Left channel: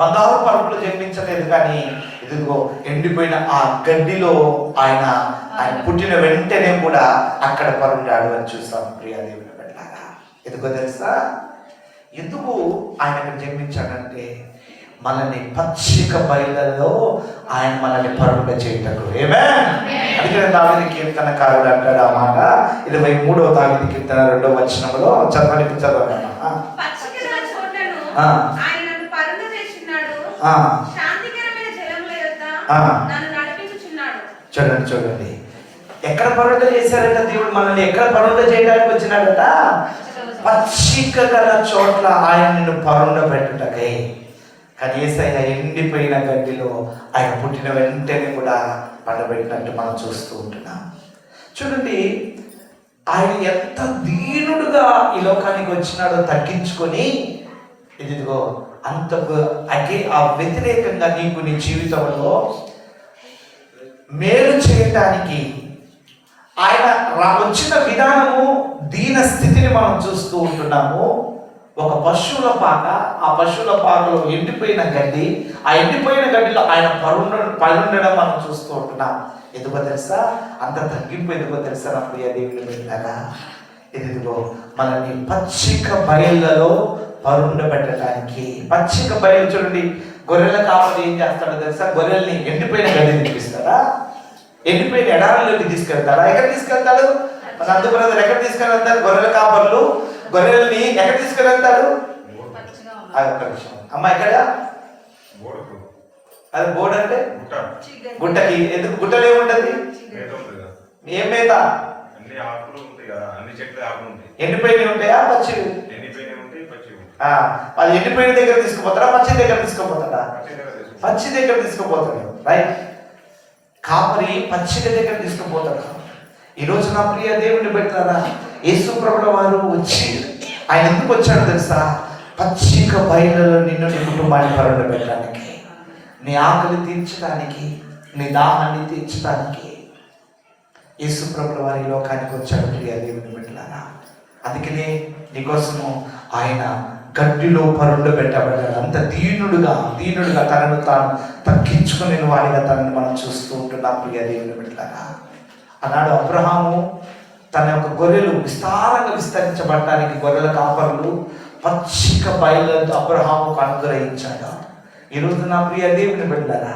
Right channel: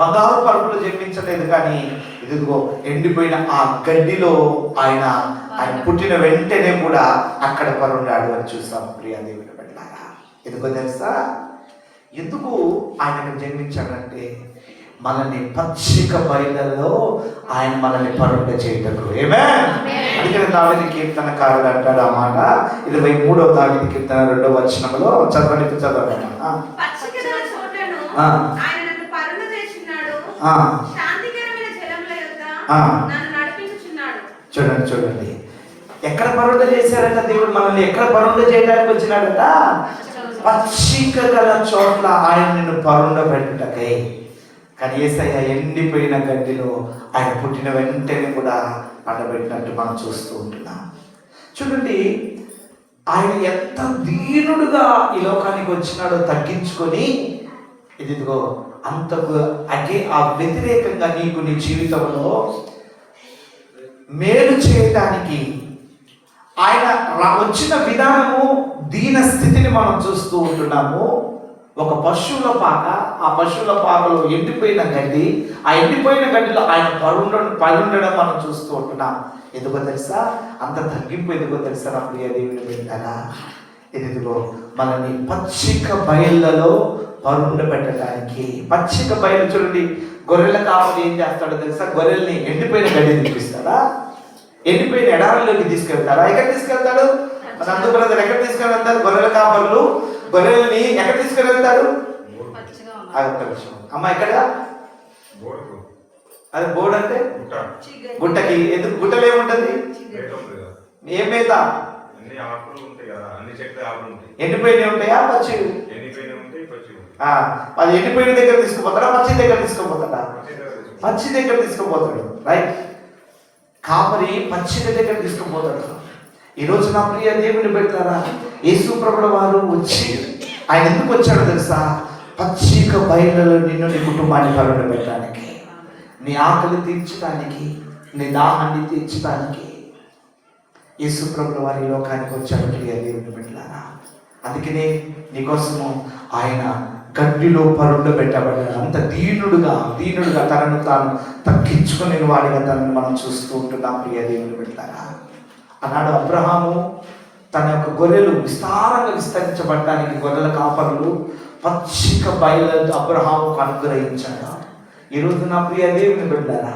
బంగారు పరుపులు జన్మించలేదు, కానీ ఇదిగో ఎండిపోయిన ఆ గడ్డిలో ఆయన పుట్టిన వెంటనే కూడా అక్కడ పరుండాడు అని చూస్తాం. ప్రియ దేవుని బిడ్డలారా, ఎందుకో తెలుసా? ఎందుకు ఆయన అక్కడ జన్మించాడంటే మనల్ని పచ్చిక బయలులో ఆయన మనల్ని పరుండ చేయటకు. ఆమేన్. అందుకే దావీదు కీర్తనకారుడు అంటాడు ఆ మాట 23వ దావీదు కీర్తన 2వ వచనంలో చదవండి. ఆయన నన్ను పరుండ చేస్తున్నాడు, శాంతికరమైన జలముల యొద్ద నన్ను నడిపించుచున్నాడు. చూడండి ఎక్కడ పరుండ చేశాడట దేవుడు మనల్ని? ఎక్కడ పరుండ చేయడానికి వచ్చినాడట? పచ్చిక గల చోట్ల ఆయన నిన్ను పరుండ పెట్టుటకై. కానీ యేసయ్య ఎండిపోయిన గడ్డిలో ఆయన పుట్టిన వెంటనే కూడా పండబెట్టినట్టు మనం చూస్తూ ఉంటున్నాం. చూడండి, ఆయన ఎంత దీనుడుగా ఈ లోకానికి వచ్చినాడో తగ్గించుకొని, ఇదిగో అంతకు ఆ వ్యతిరేకంగా నీకు నీ జీవితంలో మేలు చేయటానికి ఆయన వచ్చిన విధానము, దీన స్థితిని మనం చూస్తూ ఉంటున్నాము. ఒక పశువుల పాక, ఆ పశువుల పాకలో ఎండిపోయిన గడ్డి, ఆ ఎండిపోయిన గడ్డిలో ఆయన పరుండడం మనం చూస్తూ ఉంటున్నాం. ఎందుకో తెలుసా? అంత తగ్గింపు ఎందుకో తెలుసా నా ప్రియ దేవుని బిడ్డలారా? ఇదిగో మనల్ని పచ్చిక బయళ్ళలో పరుండ పెట్టడానికి. పచ్చిక బయలు చూడండి, గొర్రెల కాపరి ఏం చేస్తాడో తెలుసా? గొర్రెల్ని ఎండిపోయిన గడ్డిని చూపిస్తారా? ఎండిపోయిన ఎడారిలోకి తీసుకెళ్తారా? ఎక్కడ తీసుకెళ్తాడు? మన అందు బ్రదర్ ఎక్కడ తీసుకెళ్తారు? గొర్రెల కాపరులు గొర్రెల్ని ఎక్కడ తీసుకెళ్తారు? అమ్మ ఎక్కడ? అది బోర్డు అంటే గుట్టకి. ఎందుకు గుట్టలో ఏముంటది? ఏం మేత? ఎండిపోయినవి ఉంటాయా? పచ్చి? అది ఎండిపోయిన దగ్గర తీసుకుపోతారా? పచ్చి దగ్గర తీసుకుపోతాడా? పచ్చి దగ్గర తీసుకుపోతాడు. రైట్, కాపరి పచ్చి దగ్గర తీసుకుపోతాడు. ఈరోజు నా ప్రియ దేవుని బిడ్డలారా, యేసు ప్రభుల వారు వచ్చి ఆయన ఎందుకు వచ్చాడో తెలుసా? పచ్చిక బయలులో నిన్ను, నీ కుటుంబాన్ని పరుండ పెట్టడానికి, నీ ఆకలి తీర్చడానికి, నీ దాహాన్ని తీర్చడానికి యేసు ప్రభుల వారి లోకానికి వచ్చాడు ప్రియ దేవుని బిడ్డలారా. అందుకనే నీకోసము ఆయన గడ్డిలో పరుండ పెట్టబడ్డాడు. అంత దీనుడుగా తనను తాను తగ్గించుకునే వాడిగా తనని మనం చూస్తూ ఉంటున్నాం ప్రియ దేవుని బిడ్డలారా. అన్నాడు అబ్రహాము తన యొక్క గొర్రెలు విస్తారంగా విస్తరించబడటానికి గొర్రెల కాపరులు పచ్చిక బయలుతో అబ్రహాముకు అనుగ్రహించాడు. ఈరోజు నా ప్రియ దేవుని బిడ్డలారా,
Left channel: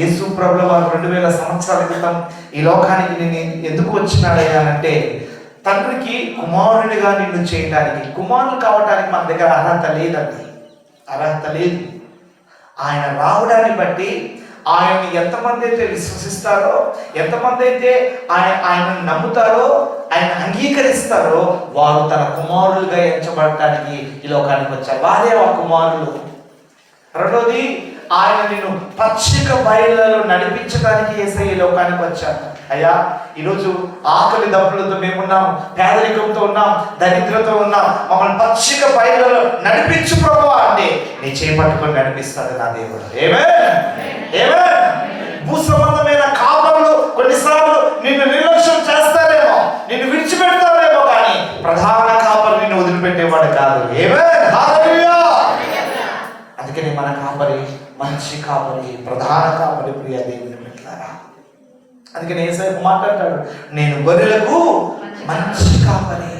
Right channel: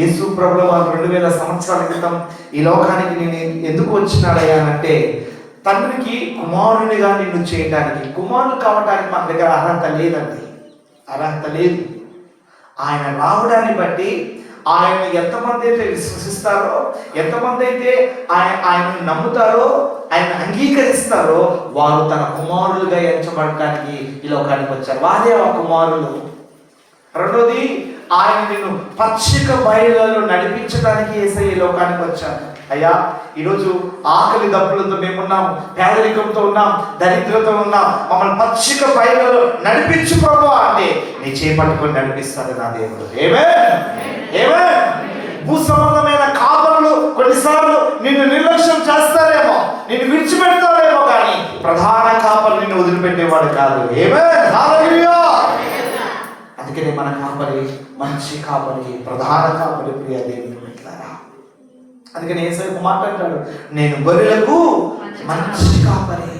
యేసు ప్రభుల వారు 2000 సంవత్సరాల క్రితం ఈ లోకానికి నేను ఎందుకు వచ్చినాడయ్యానంటే, తండ్రికి కుమారునిగా నిన్ను చేయడానికి. కుమారులు కావడానికి మన దగ్గర అర్హత లేదు. ఆయన రావడాన్ని బట్టి ఆయన్ని ఎంతమంది అయితే విశ్వసిస్తారో, ఎంతమంది అయితే ఆయనను నమ్ముతారో, ఆయన అంగీకరిస్తారో, వారు తన కుమారులుగా ఎంచబడటానికి ఈ లోకానికి వచ్చారు. వారే ఆ కుమారులు. రెండోది, ఆయన నేను పచ్చిక బయళ్ళలో నడిపించడానికి యేసయ్య ఈ లోకానికి వచ్చాను. అయ్యా, ఈరోజు ఆకలి దప్పులతో మేమున్నాం, పేదరికంతో ఉన్నాం, దరిద్రతో ఉన్నాం. మమ్మల్ని పచ్చిక బయళ్ళలో నడిపించు ప్రభువా అంటే నీ చేపట్టుకొని నడిపిస్తాడు నా దేవుడు. భూ సంబంధమైన కాపరులు కొన్నిసార్లు నిన్ను నిర్లక్ష్యం చేస్తారేమో, నిన్ను విడిచిపెడతారేమో, కానీ ప్రధాన కాపరు నిన్ను వదిలిపెట్టేవాడు కాదు. అందుకని మన కాపరి మంచి కాపరి, ప్రధాన కాపరి ప్రియ దేవుని బిడ్డలారా. అందుకని యేసయ్య మాట్లాడతాడు, నేను గొర్రెలకు మంచి కాపరి.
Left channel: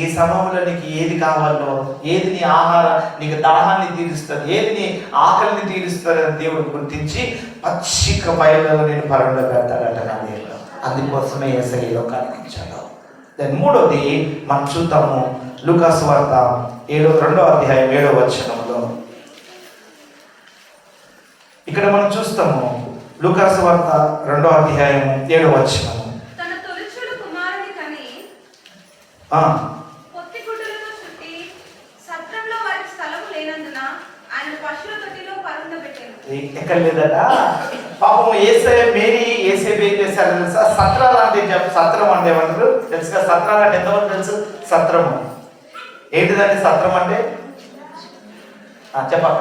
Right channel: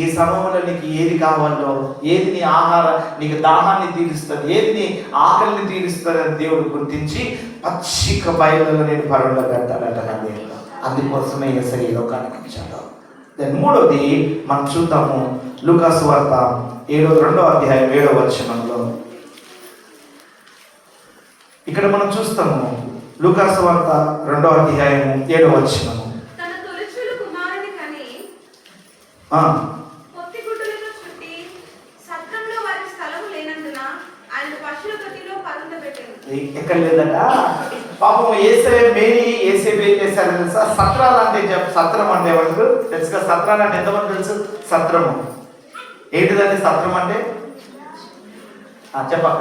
ఈ సమయంలో నీకు ఏది కావాలో, ఏది నీ ఆహారం, నీకు దాహాన్ని తీరుస్తుంది, ఏది నీ ఆకలిని తీరుస్తుంది అని దేవుడు గుర్తించి పచ్చిక బయలులో నేను పరుండ పెడతాడట నా దేవుడు. అందుకోసమే యేసయ్య లోకానికి వచ్చాడు. దాని మూడోది మనం చూద్దాము, లూకా సువార్త 2వ అధ్యాయం 7వ వచనంలో. ఇక్కడ మనం చూస్తాము, లూకా సువార్త 2వ అధ్యాయం 7వ వచనం. తన తొలిచూలు కుమారుని కని పొత్తిగుడ్డలతో చుట్టి సత్రంలో వారికి స్థలము లేనందున ఆయన పశువుల తొట్టిలో పరుండబెట్టెను. ఎక్కడ లేదట పాపం. యేసయ్య మేరీ యేసేపు ఏం చేశారు తెలుసా? సత్రాలు అంటే, సత్రం అంటే ఏమంటారు తెలుసుగా? సత్రం అంటే ఎంతమంది తెలుసు? సత్రము ఏంటిదండి? సత్రం అంటే చెప్పక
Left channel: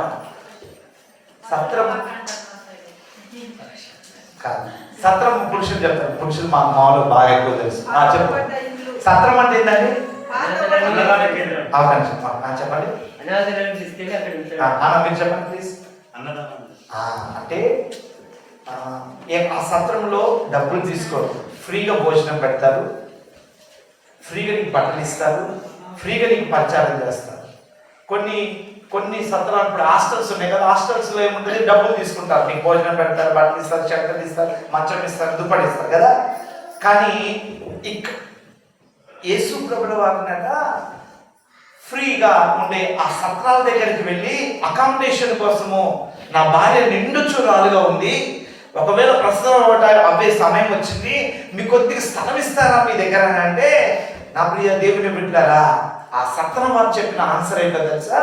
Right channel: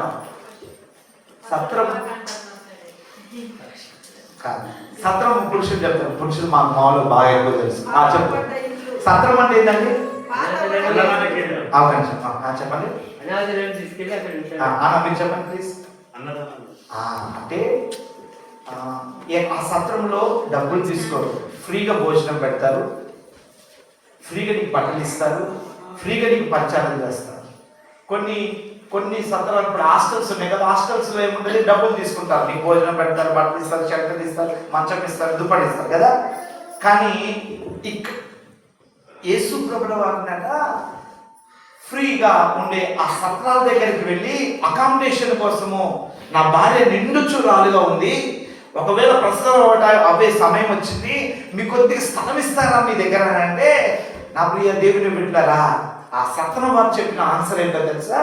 సత్రం కాదు. సత్రం పురుషులు చెప్తారు, పురుషులు మా మామూలు బాగా ఎక్కువ తెలుసు. చెప్పండి, సత్రం అంటే ఏంటండి? చెప్పండి, మీరు చెప్పండి ప్లీజ్. అంటే ఆ సత్రంలో డబ్బులు తీసుకోరు, ఫ్రీగా భోజనం పెడతారు, ఫ్రీగా నీకు బట్టలు ఇస్తారు, ఫ్రీగా నీకు పరిచారం చేస్తారు. కొన్ని సత్రాలు ఇప్పుడు హాస్టల్స్ ఉన్నాయి కదా, హాస్టల్స్లో ఏముంటుంది, డబ్బులు తీసుకుంటారు, నీకు భోజనం పెడతారు, బట్టలు ఇస్తారు, షర్ట్లు ఇస్తారు, మంచం ఇస్తారు, దుప్పటి ఇస్తారు కదా. కానీ యేసు ప్రభుల వారినట ఫ్రీగా ఉండే ఆ సత్రాల దగ్గరికి వెళ్ళి అకామిడేషన్ కోసము, నా భార్య నిండుచురాలుగా ఉంది, ఒకవేళ ప్రసవం అవే సమయం వచ్చింది, మీ కొద్దిగా స్థలం ఇస్తారా మీ దగ్గర అంటే, నా ప్రియ దేవుని బిడ్డలారా, ఆ సత్రం వారు చెప్పిన ఆన్సర్ ఏంటో తెలుసా?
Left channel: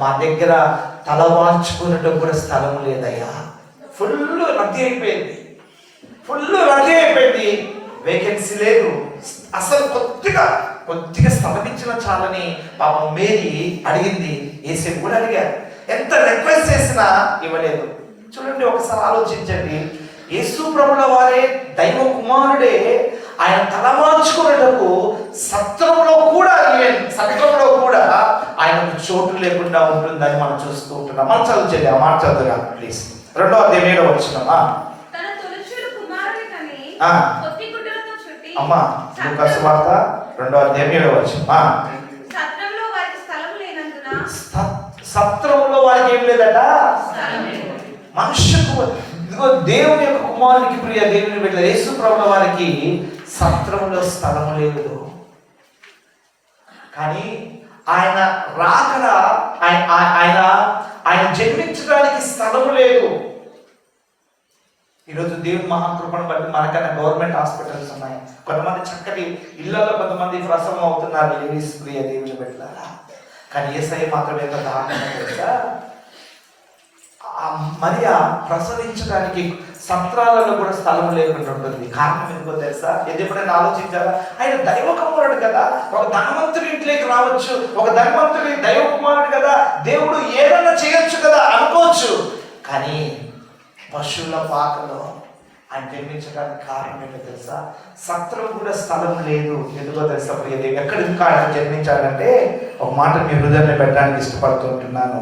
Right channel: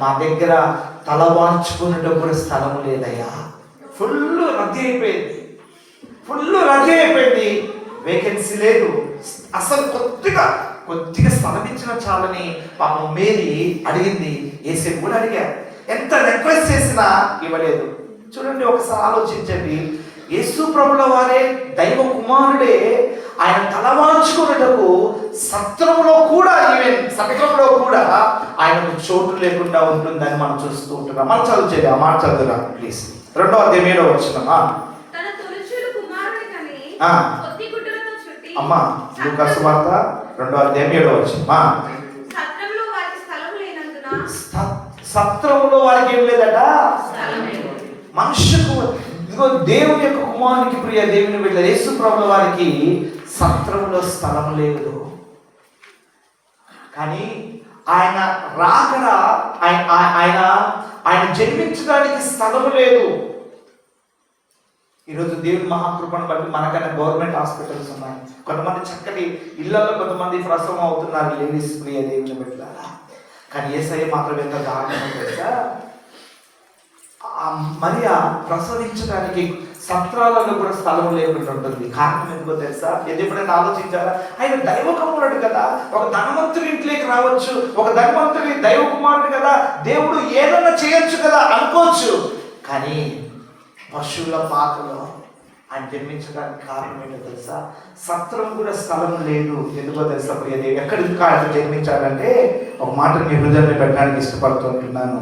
మా దగ్గర తల వాల్చుకునేటప్పుడు కూడా స్థలం లేదయ్యా, ఫుల్ రద్దీ అయిపోయింది, వేకెన్సీ లేదు, అసలు కొద్దిగా స్థలం ఇచ్చిన చాలని పాపం మేరీ అడిగింది, యేసేపు కూడా అడిగారు, ఎంత రిక్వెస్ట్ చేసినా ఇవ్వలేదు. చూడండి, ఒకసారి ఆలోచించండి, యేసు ప్రభుల వారే దైవ కుమారుడే, ఆయన తలమార్చుకునేటకు సత్రంలో కూడా ఆయనకు చోటు లేకుండా ఉంటుందని మనం చూస్తూ ఉంటున్నాం. మనం చదువుచేది ఆ మాట చదువుగా ప్లీజ్. 2వ అధ్యాయం 7వ వచనం. అమ్మా లూకా సువార్త 2వ అధ్యాయం 7వ వచనం. సత్రంలో వారికి ఏం లేదట, మనుష్యుకు, ఇదిగో దేవుని యొక్క కుమారునికి ప్రియ దేవుని బిడ్డ యేసు ప్రభుల వారికి సత్రంలో స్థలం లేదు. కానీ ఆయన రాకడ, ఆయన జన్మించడానికి స్థలం లేదు. ఈరోజు దేవుని మహాకృపను బట్టి మనకన్నా గవర్నమెంట్ హాస్పిటల్స్ ఉన్నాయి, కొంతమంది చక్కటి ఇళ్లలో కొంతమంది ప్రసవం అవుతున్నారు, లేడీస్ ప్రియ దేవుని బిడ్డ. కానీ యేసయ్య మాత్రం ఎంత దారుణం తెలుసా? మరియ ప్రసవించడానికి సత్రాలలో కూడా స్థలం లేకుండా ఉంటుంది. కారణం ఎందుకో తెలుసా? ఎప్పుడైనా ఆలోచించారా? ఆయన దైవ కుమారుడు కదా, ఒక ధనవంతుడి ఇంట్లోకి రావచ్చు, ఒక ధనవంతుడి దైవ కుమారుడు కదా, దేవుడు ఏదైనా చేయొచ్చు కదా అనుకోవచ్చు. కానీ పశువుల పాకలో ఆయన జన్మించడానికి కారణం ఏంటో తెలుసా? సత్రం కూడా స్థలం లేదు. ఎందుకో తెలుసా ప్రియదే? ఎక్కడ ఇంకా ఆయన జన్మించాలంటే ఒక మాట మీ హృదయాన్ని పెట్టడానికి ఇష్టపడుతుంటున్నాను.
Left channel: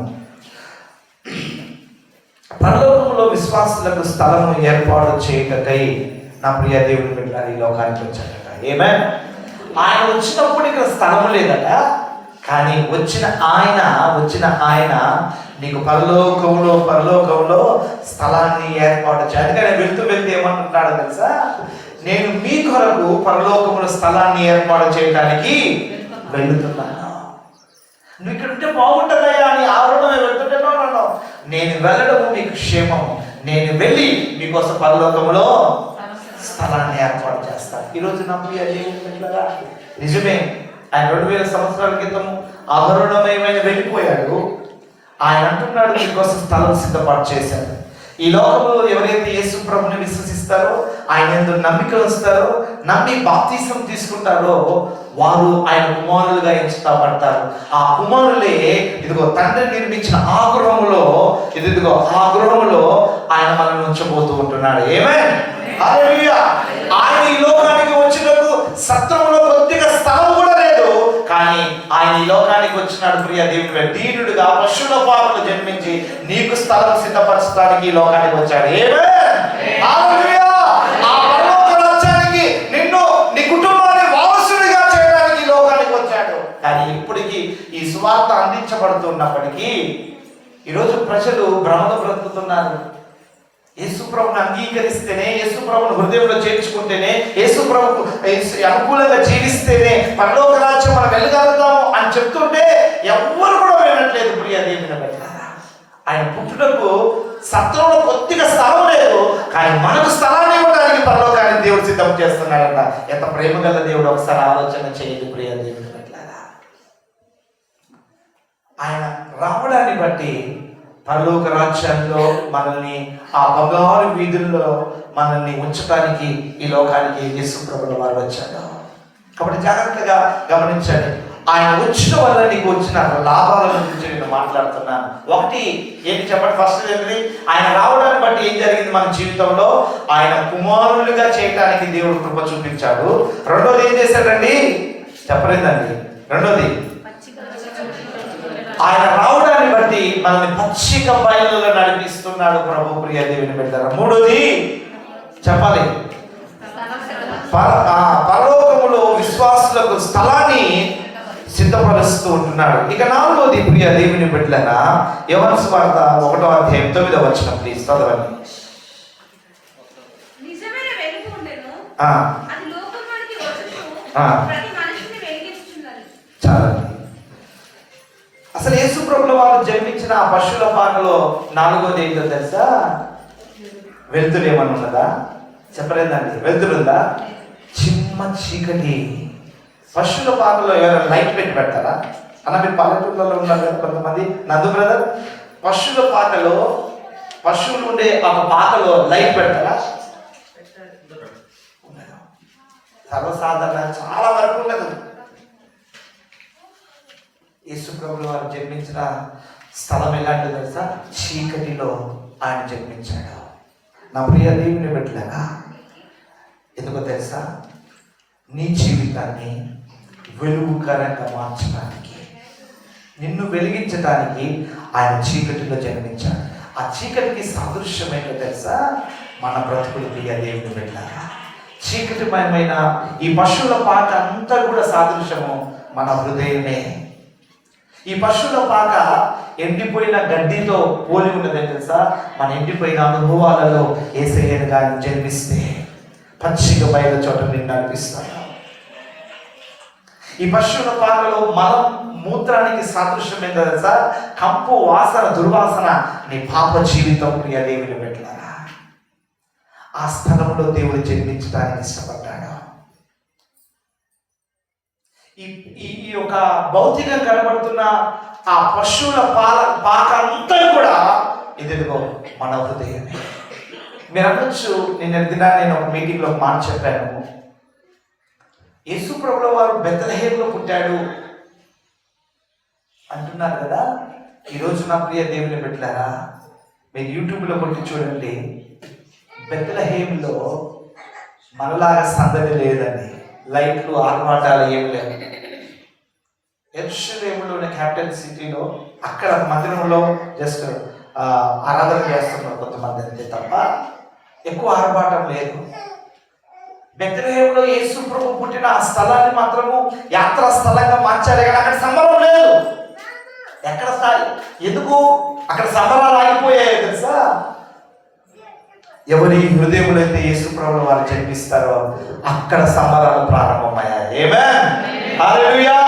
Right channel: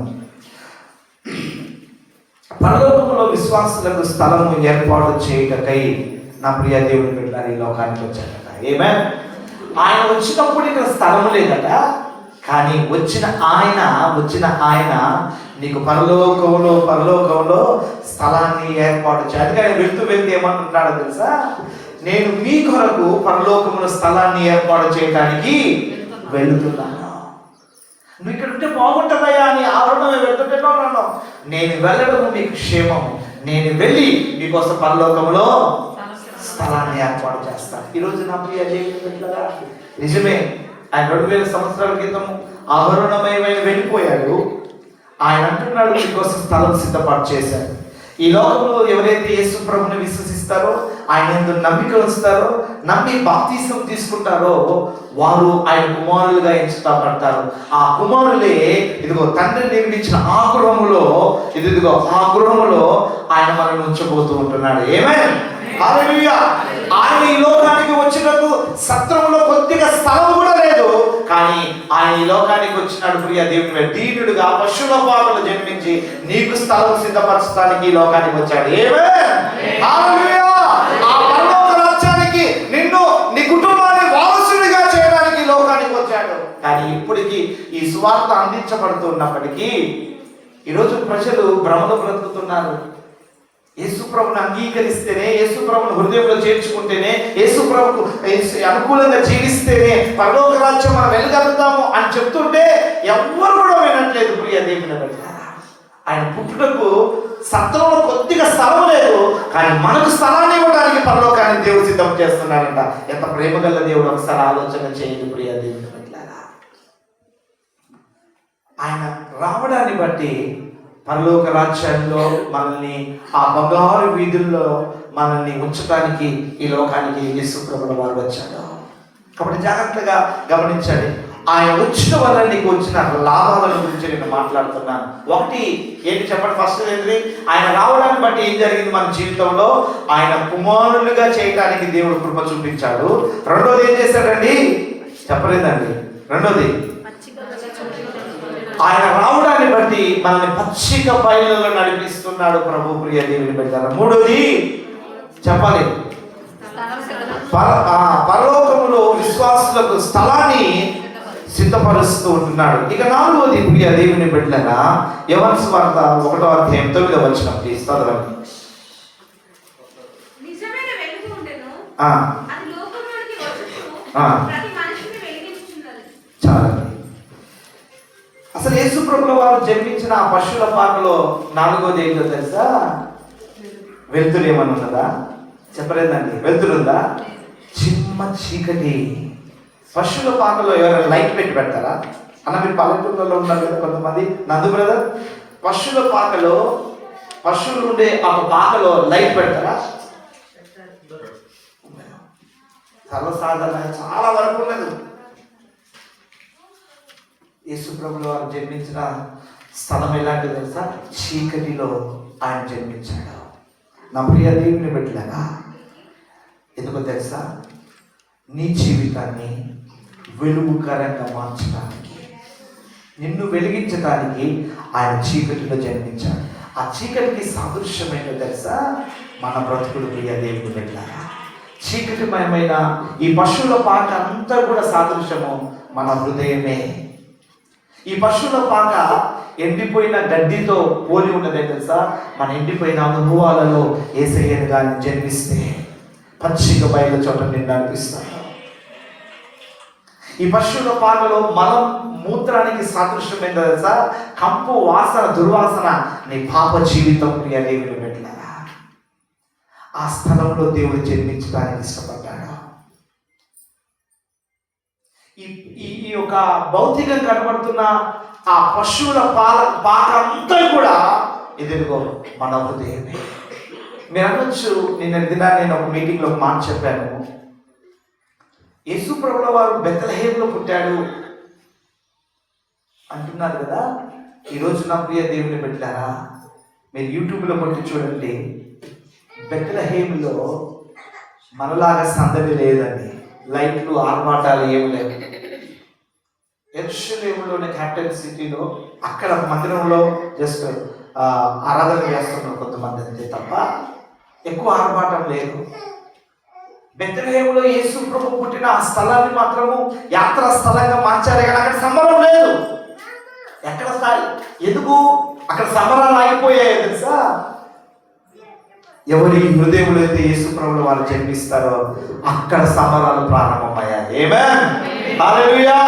పరలోకంలో విశ్వాసులకు స్థలము ఏర్పాటు చేయటకై నా ప్రియ దేవుడి బిడ్డలు ఈ లోకానికి వచ్చాడట. ఆయన వచ్చినప్పుడు ఇక్కడ స్థలము లేదట, కానీ వచ్చిన ఆయన నీకు పరలోకంలో స్థలాన్ని ఏర్పాటు చేయాలి. అందుకని వెళ్తూ ఏమంటున్నాడో తెలుసా? నేను మీ కొరకు పరలోకంలో స్థలాన్ని ఏర్పాటు చేయడానికి వెళ్తున్నాను. నువ్వు ఇక్కడ ఉంటే బాగుంటుందయ్యా అని ఆవరణమే వెళ్తుంటేనో, నేను వెళ్ళడం మీకు క్షేమం, నేను వెళ్ళి మీకోసం పరలోకంలో స్థలాన్ని ఏర్పాటు చేస్తాను. ఈరోజు నా ప్రియ దేవుని బిడ్డలారా, నిజమే, ఆయన 2000 సంవత్సరాల క్రితం ఆభరణమయమైన వెళ్ళిపోయాడు. ఆయన అంటున్నాడు, మీకోసం స్థలం సిద్ధపాటు చేశాడు. ఈ లోకంలో ఎవరైతే యేసు ప్రభుని విశ్వసిస్తారో, ఆయన యందు నమ్మిక ఉంచుతారో, నమ్మి బాప్తిసం తీసుకుంటారో, వారు ఆయన కుమారులుగా ఎంచుతారు. ఆ కుమారులే ఇదిగో తండ్రి నిర్మించిన ఆ గృహములో ఆయన మనల్ని ఉంచబోతూ ఉంటున్నాడు. హల్లెలూయా. ఆయన ఈ లోకానికి వచ్చినప్పుడు సత్రంలో కొద్దిగా స్థలం కూడా లేదు, కానీ ఆయన ఈ లోకానికి వచ్చినాడు ప్రియ దేవుని దీనుడుగా పశువుల పాకలో జన్మించి నీకు స్థలం సిద్ధపరచడానికి ఈ లోకానికి వచ్చాడు. హల్లెలూయా. ఆ పరలోక రాజ్యానికి నిన్ను, నీ కుటుంబాన్ని వారసుడిగా చేయడానికి ఈ లోకానికి వచ్చాడు. కానీ ఇప్పటికీ ఈ సువార్త అందించబడుతున్నప్పటికీ ఈరోజు ప్రజలు భ్రమలో బ్రతుకుతున్నారు. యేసు ప్రభుని అంగీకరిస్తేనే, యేసు ప్రభుని హృదయంలో చేర్చుకుంటేనే, యేసు ప్రభుకు అనుకూలంగా జీవిస్తేనే పరలోక రాజ్యం మనం వెళ్ళగలుగుతాము అని చెప్తుంటే ఎవ్వరు కూడా వినట్లేదు ప్రియ దేవుని బిడ్డ. ఆయన పుట్టుటకు సత్రంలో కొద్దిగా స్థలం లేదు, కానీ మనకు స్థలాన్ని ఇవ్వడానికి పరలోకాన్ని దేవుడు సిద్ధం చేస్తున్నాడంట. ఎంత ప్రేమ గల దేవుడు, ఒకసారి ఆలోచన చేయండి ప్రియ దేవుని బిడ్డ. ఆయన రావడాన్ని బట్టి పరలోక రాజ్యంలో మనల్ని, ఆ బంగారు వీధుల్లో మనల్ని ఉంచడానికి ఈ లోకానికి యేసు ప్రభువు వారు వచ్చాడు. కాబట్టి జాగ్రత్తగా గమనించండి. ఆయన వచ్చిన వల్ల నీకు వచ్చిన లాభాల గురించి నేను మాట్లాడుతున్నాను. ఒకటి ఏంటి చెప్పండి? ఫస్ట్ ఏంటి? ఆయన రావడాన్ని బట్టి ఏం జరిగింది మన జీవితంలో? ఆయన కుమారులుగా చేయడానికి దేవుడు కృప చూపించాడు. రెండోది ఏం చేశాడండి? చెప్పలేదండి. రెండోది ఆయన రావడాన్ని బట్టి మనల్ని పచ్చిక బయలులో నడిపిస్తున్నాడు ప్రభు. ప్రియ దేవుని బిడ్డలారా, మూడోది చెప్పాలి, పరలోకములో విశ్వాసులకు స్థలాన్ని సిద్ధపరుస్తూ ఉంటున్నాడు. ఇక నాలుగోది ప్రియ దేవుని బిడ్డలారా, యోహాను సువార్త 1వ అధ్యాయం 9వ వచనం ప్లీజ్ చదవండి. నిజమైన వెలుగు ఉండెను, అది లోకంలోనికి వచ్చుచు ప్రతి మనిషిని వెలిగించుచున్నది. చాలండి. అసలు యేసు ప్రభువు వారు జన్మించిన ఆ పశువుల పాకలో నాలుగోది ఏంటో తెలుసా? వెలుతురు ఏమన్నా ఉన్నదా? చెప్పలేదండి. వెలుతురుందా? చిమ్మ చీకటి. పశువుల పాకలో ఎవరైనా లైట్ పెడతారా అన్న? మీరు పల్లెటూళ్ళలో ఉన్నారు కదా కొంతమంది. నందు బ్రదర్, పశువుల పాకలో, పశువులు ఉండే ఆ పాకలో లైట్ పెడతారా? సర్వసాధారణ చాలా వరకు ఉండదు. యేసు ప్రభువు వారు జన్మించిన స్థలం ఎలాంటిది తెలుసా? చీకటిలో ఆయన జన్మించాడు. నా ప్రియ దేవుని బిడ్డలారా, ఎందుకో తెలుసా? నీ జీవితాన్ని వెలుగుకరంగా మార్చడానికి, నిన్ను వెలిగించడానికి ఆయన చీకటిలో జన్మించాడు. ఆ చీకటికి సాదృశ్యమైన తెలుసా? మన బ్రతుకులు. ప్రియ దేవుని బిడ్డలారా, చీకటిమయమైన ఈ పశువుల పాక అంతా కూడా సాదృశ్యము మన హృదయమే. ఈ పశువుల పాక ఎండిపోయిన గడ్డితో పోలి ఉన్నదే తెలుసా? మన ఎండిపోయిన అనుభవాలలో యేసయ్యను గాని జన్మిస్తే పచ్చిక బయలు చోట నిన్ను నడిపిస్తాడు. ఈ పశువుల పాకలో మనం మూత్రానికి సాదృశ్యం ఏంటో తెలుసా? కంపు వాసన, దుర్వాసన, నీ పాప జీవితం. ప్రియ దేవుని బిడ్డలారా, ఆ స్థలంలో దేవుడు జన్మించడానికి ఇష్టపడ్డాడు. ఈ యొక్క భౌతికంగా కనబడుతున్న ఆ పశువుల పాక అంతా కూడా ఎదురుగో మన హృదయమే. మీరు అనొచ్చు, నిన్న దినాన్ని నేను ఒక మీటింగ్లో ఒక మాట చెప్పాను. యేసు ప్రభువు వారు బెత్లెహేములో పుట్టాడు అంటున్నారు కదా. ఈరోజు నా ప్రియ దేవుని బిడ్డలారా, మీరు యూట్యూబ్లో కొట్టి చూడండి. బెత్లెహేములో మనలాగా సందడి లేదండి, లైట్లు ఆర్భాటాలు ఏమి లేవు. యెరూషలేములోని క్యాపిటల్ సిటీలో అక్కడ మందిరంలో జస్ట్ ఆరాధన చేస్తున్నారు కొంతమంది అంతే తప్ప ఎక్కువ ఆర్భాటం లేదు. బెత్లెహేములో యేసు ప్రభు పుట్టిన ఆ స్థలాన్ని మాత్రము యాత్రా స్థలంగా మార్చాలి కానీ అక్కడ సంబరం లేదు. ఎక్కడ స్థాయి? ఎందుకు అక్కడ సంబరాలు ఆగిపోయాయి తెలుసా? ఎవరి హృదయంలో అయితే యేసు ప్రభువు వారు జన్మిస్తారో అక్కడ సంబరాలు ప్రారంభమయ్యాయి. ఆమేన్, హల్లెలూయా.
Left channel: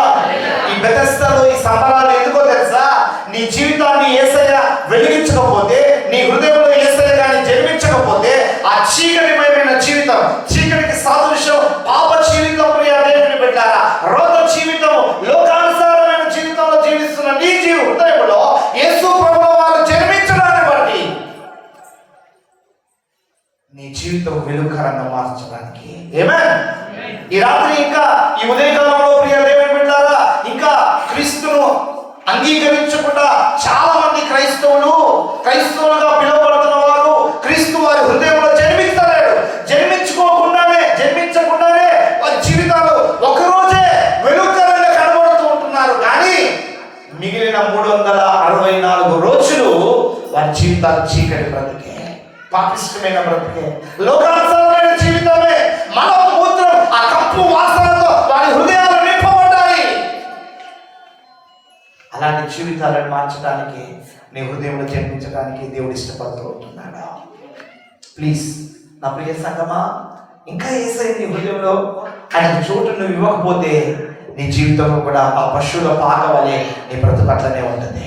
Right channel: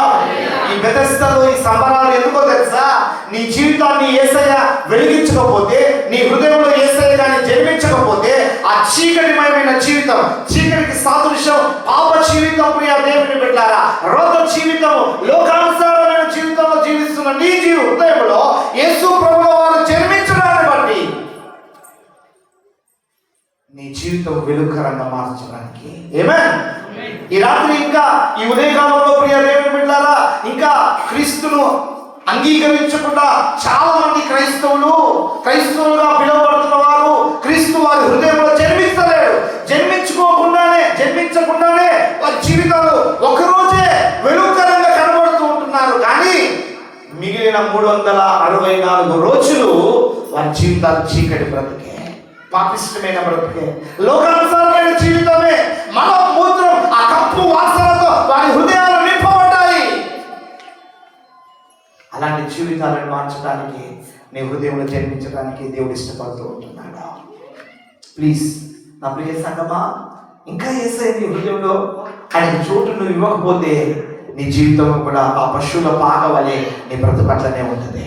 ఈ బెతెస్దాలో ఈ సంబరాలు ఎందుకో తెలుసా? నీ జీవితాన్ని యేసయ్య వెలిగించకపోతే, నీ హృదయంలో యేసయ్య గాని జన్మించకపోతే ఆ చీకటిమయమైన జీవితం, చీకటికి సాదృశ్యం పాప జీవితం. ప్రియ దేవుని బిడ్డలారా, రోగ జీవితము, లోకానుసారమైన జీవితంలో జీవిస్తున్న నీ హృదయంలో యేసు ప్రభువు వారు జన్మించడాన్ని బట్టి నీ జీవితం వెలుగుకరంగా మార్చడానికి. ఆమేన్. ఈ రాత్రి ఇంకా ఈ ఉదయకాలంలో ప్రియ దేవుని బిడ్డలారా, ఇంకా క్రీస్తును అంగీకరించకుండా చాలా మంది క్రైస్తవులుగా పిలువబడుతున్న వారు క్రీస్తు వారి హృదయంలో జన్మించకుండానే వారి జీవితాలు ఒకరోజే వెలుగుకరంగా కనబడుతూ ఉంటున్నారు. కానీ మిగిలిన 364 రోజులు వారి జీవితాలు చీకటి బ్రతికే, పాపిష్టమైన బ్రతికే, లోకానుసారమైన జీవితమే. మన మూత్రం ఆ కంపు వాసనతో వారి హృదయాలు నింపబడ్డాయి. అలాంటి జీవితాలను మార్చడానికి, నీ హృదయంలో జన్మించడానికి దేవుడు ఇష్టపడుతూ ఉంటున్నాడు. ప్లీజ్ నా ప్రియ సంగమా, ఇంకా యేసయ్య నీ హృదయంలో ఆయన చోటు నువ్వు ఇవ్వకపోతే నీ జీవితంలో కూడా ఆ పశువుల పాక వలె నీ బ్రతుకట్లనే ఉంటుంది.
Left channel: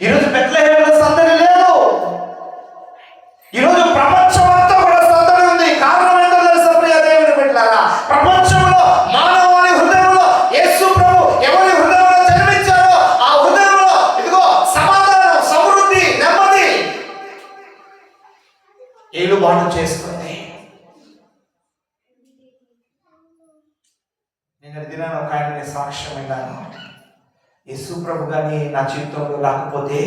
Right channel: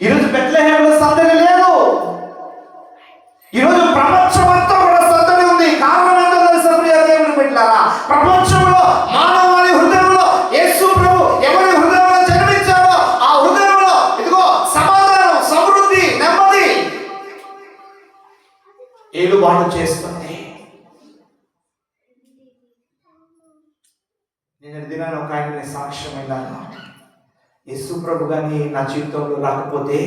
ఈరోజు బెత్లెహేములో సందడి లేదు. ఈరోజు ప్రపంచమంతా కూడా సందడి ఉంది. కారణం ఏంటో తెలుసా ప్రియ దేవుని బిడ్డలారా? ప్రపంచంలో మానవాళి హృదయంలో యేసు ప్రభు ఎవరి హృదయంలో జన్మించాడో ఆ హృదయంలో ఇదిగో సమాధానం, సమృద్ధి, నెమ్మది ఏలుబాటు చేస్తుంది. నిన్న దినాన్ని ఒక ఆయన సాక్ష్యమైనాను. యేసు ప్రభు కానీ నా జీవితంలో రాకపోతే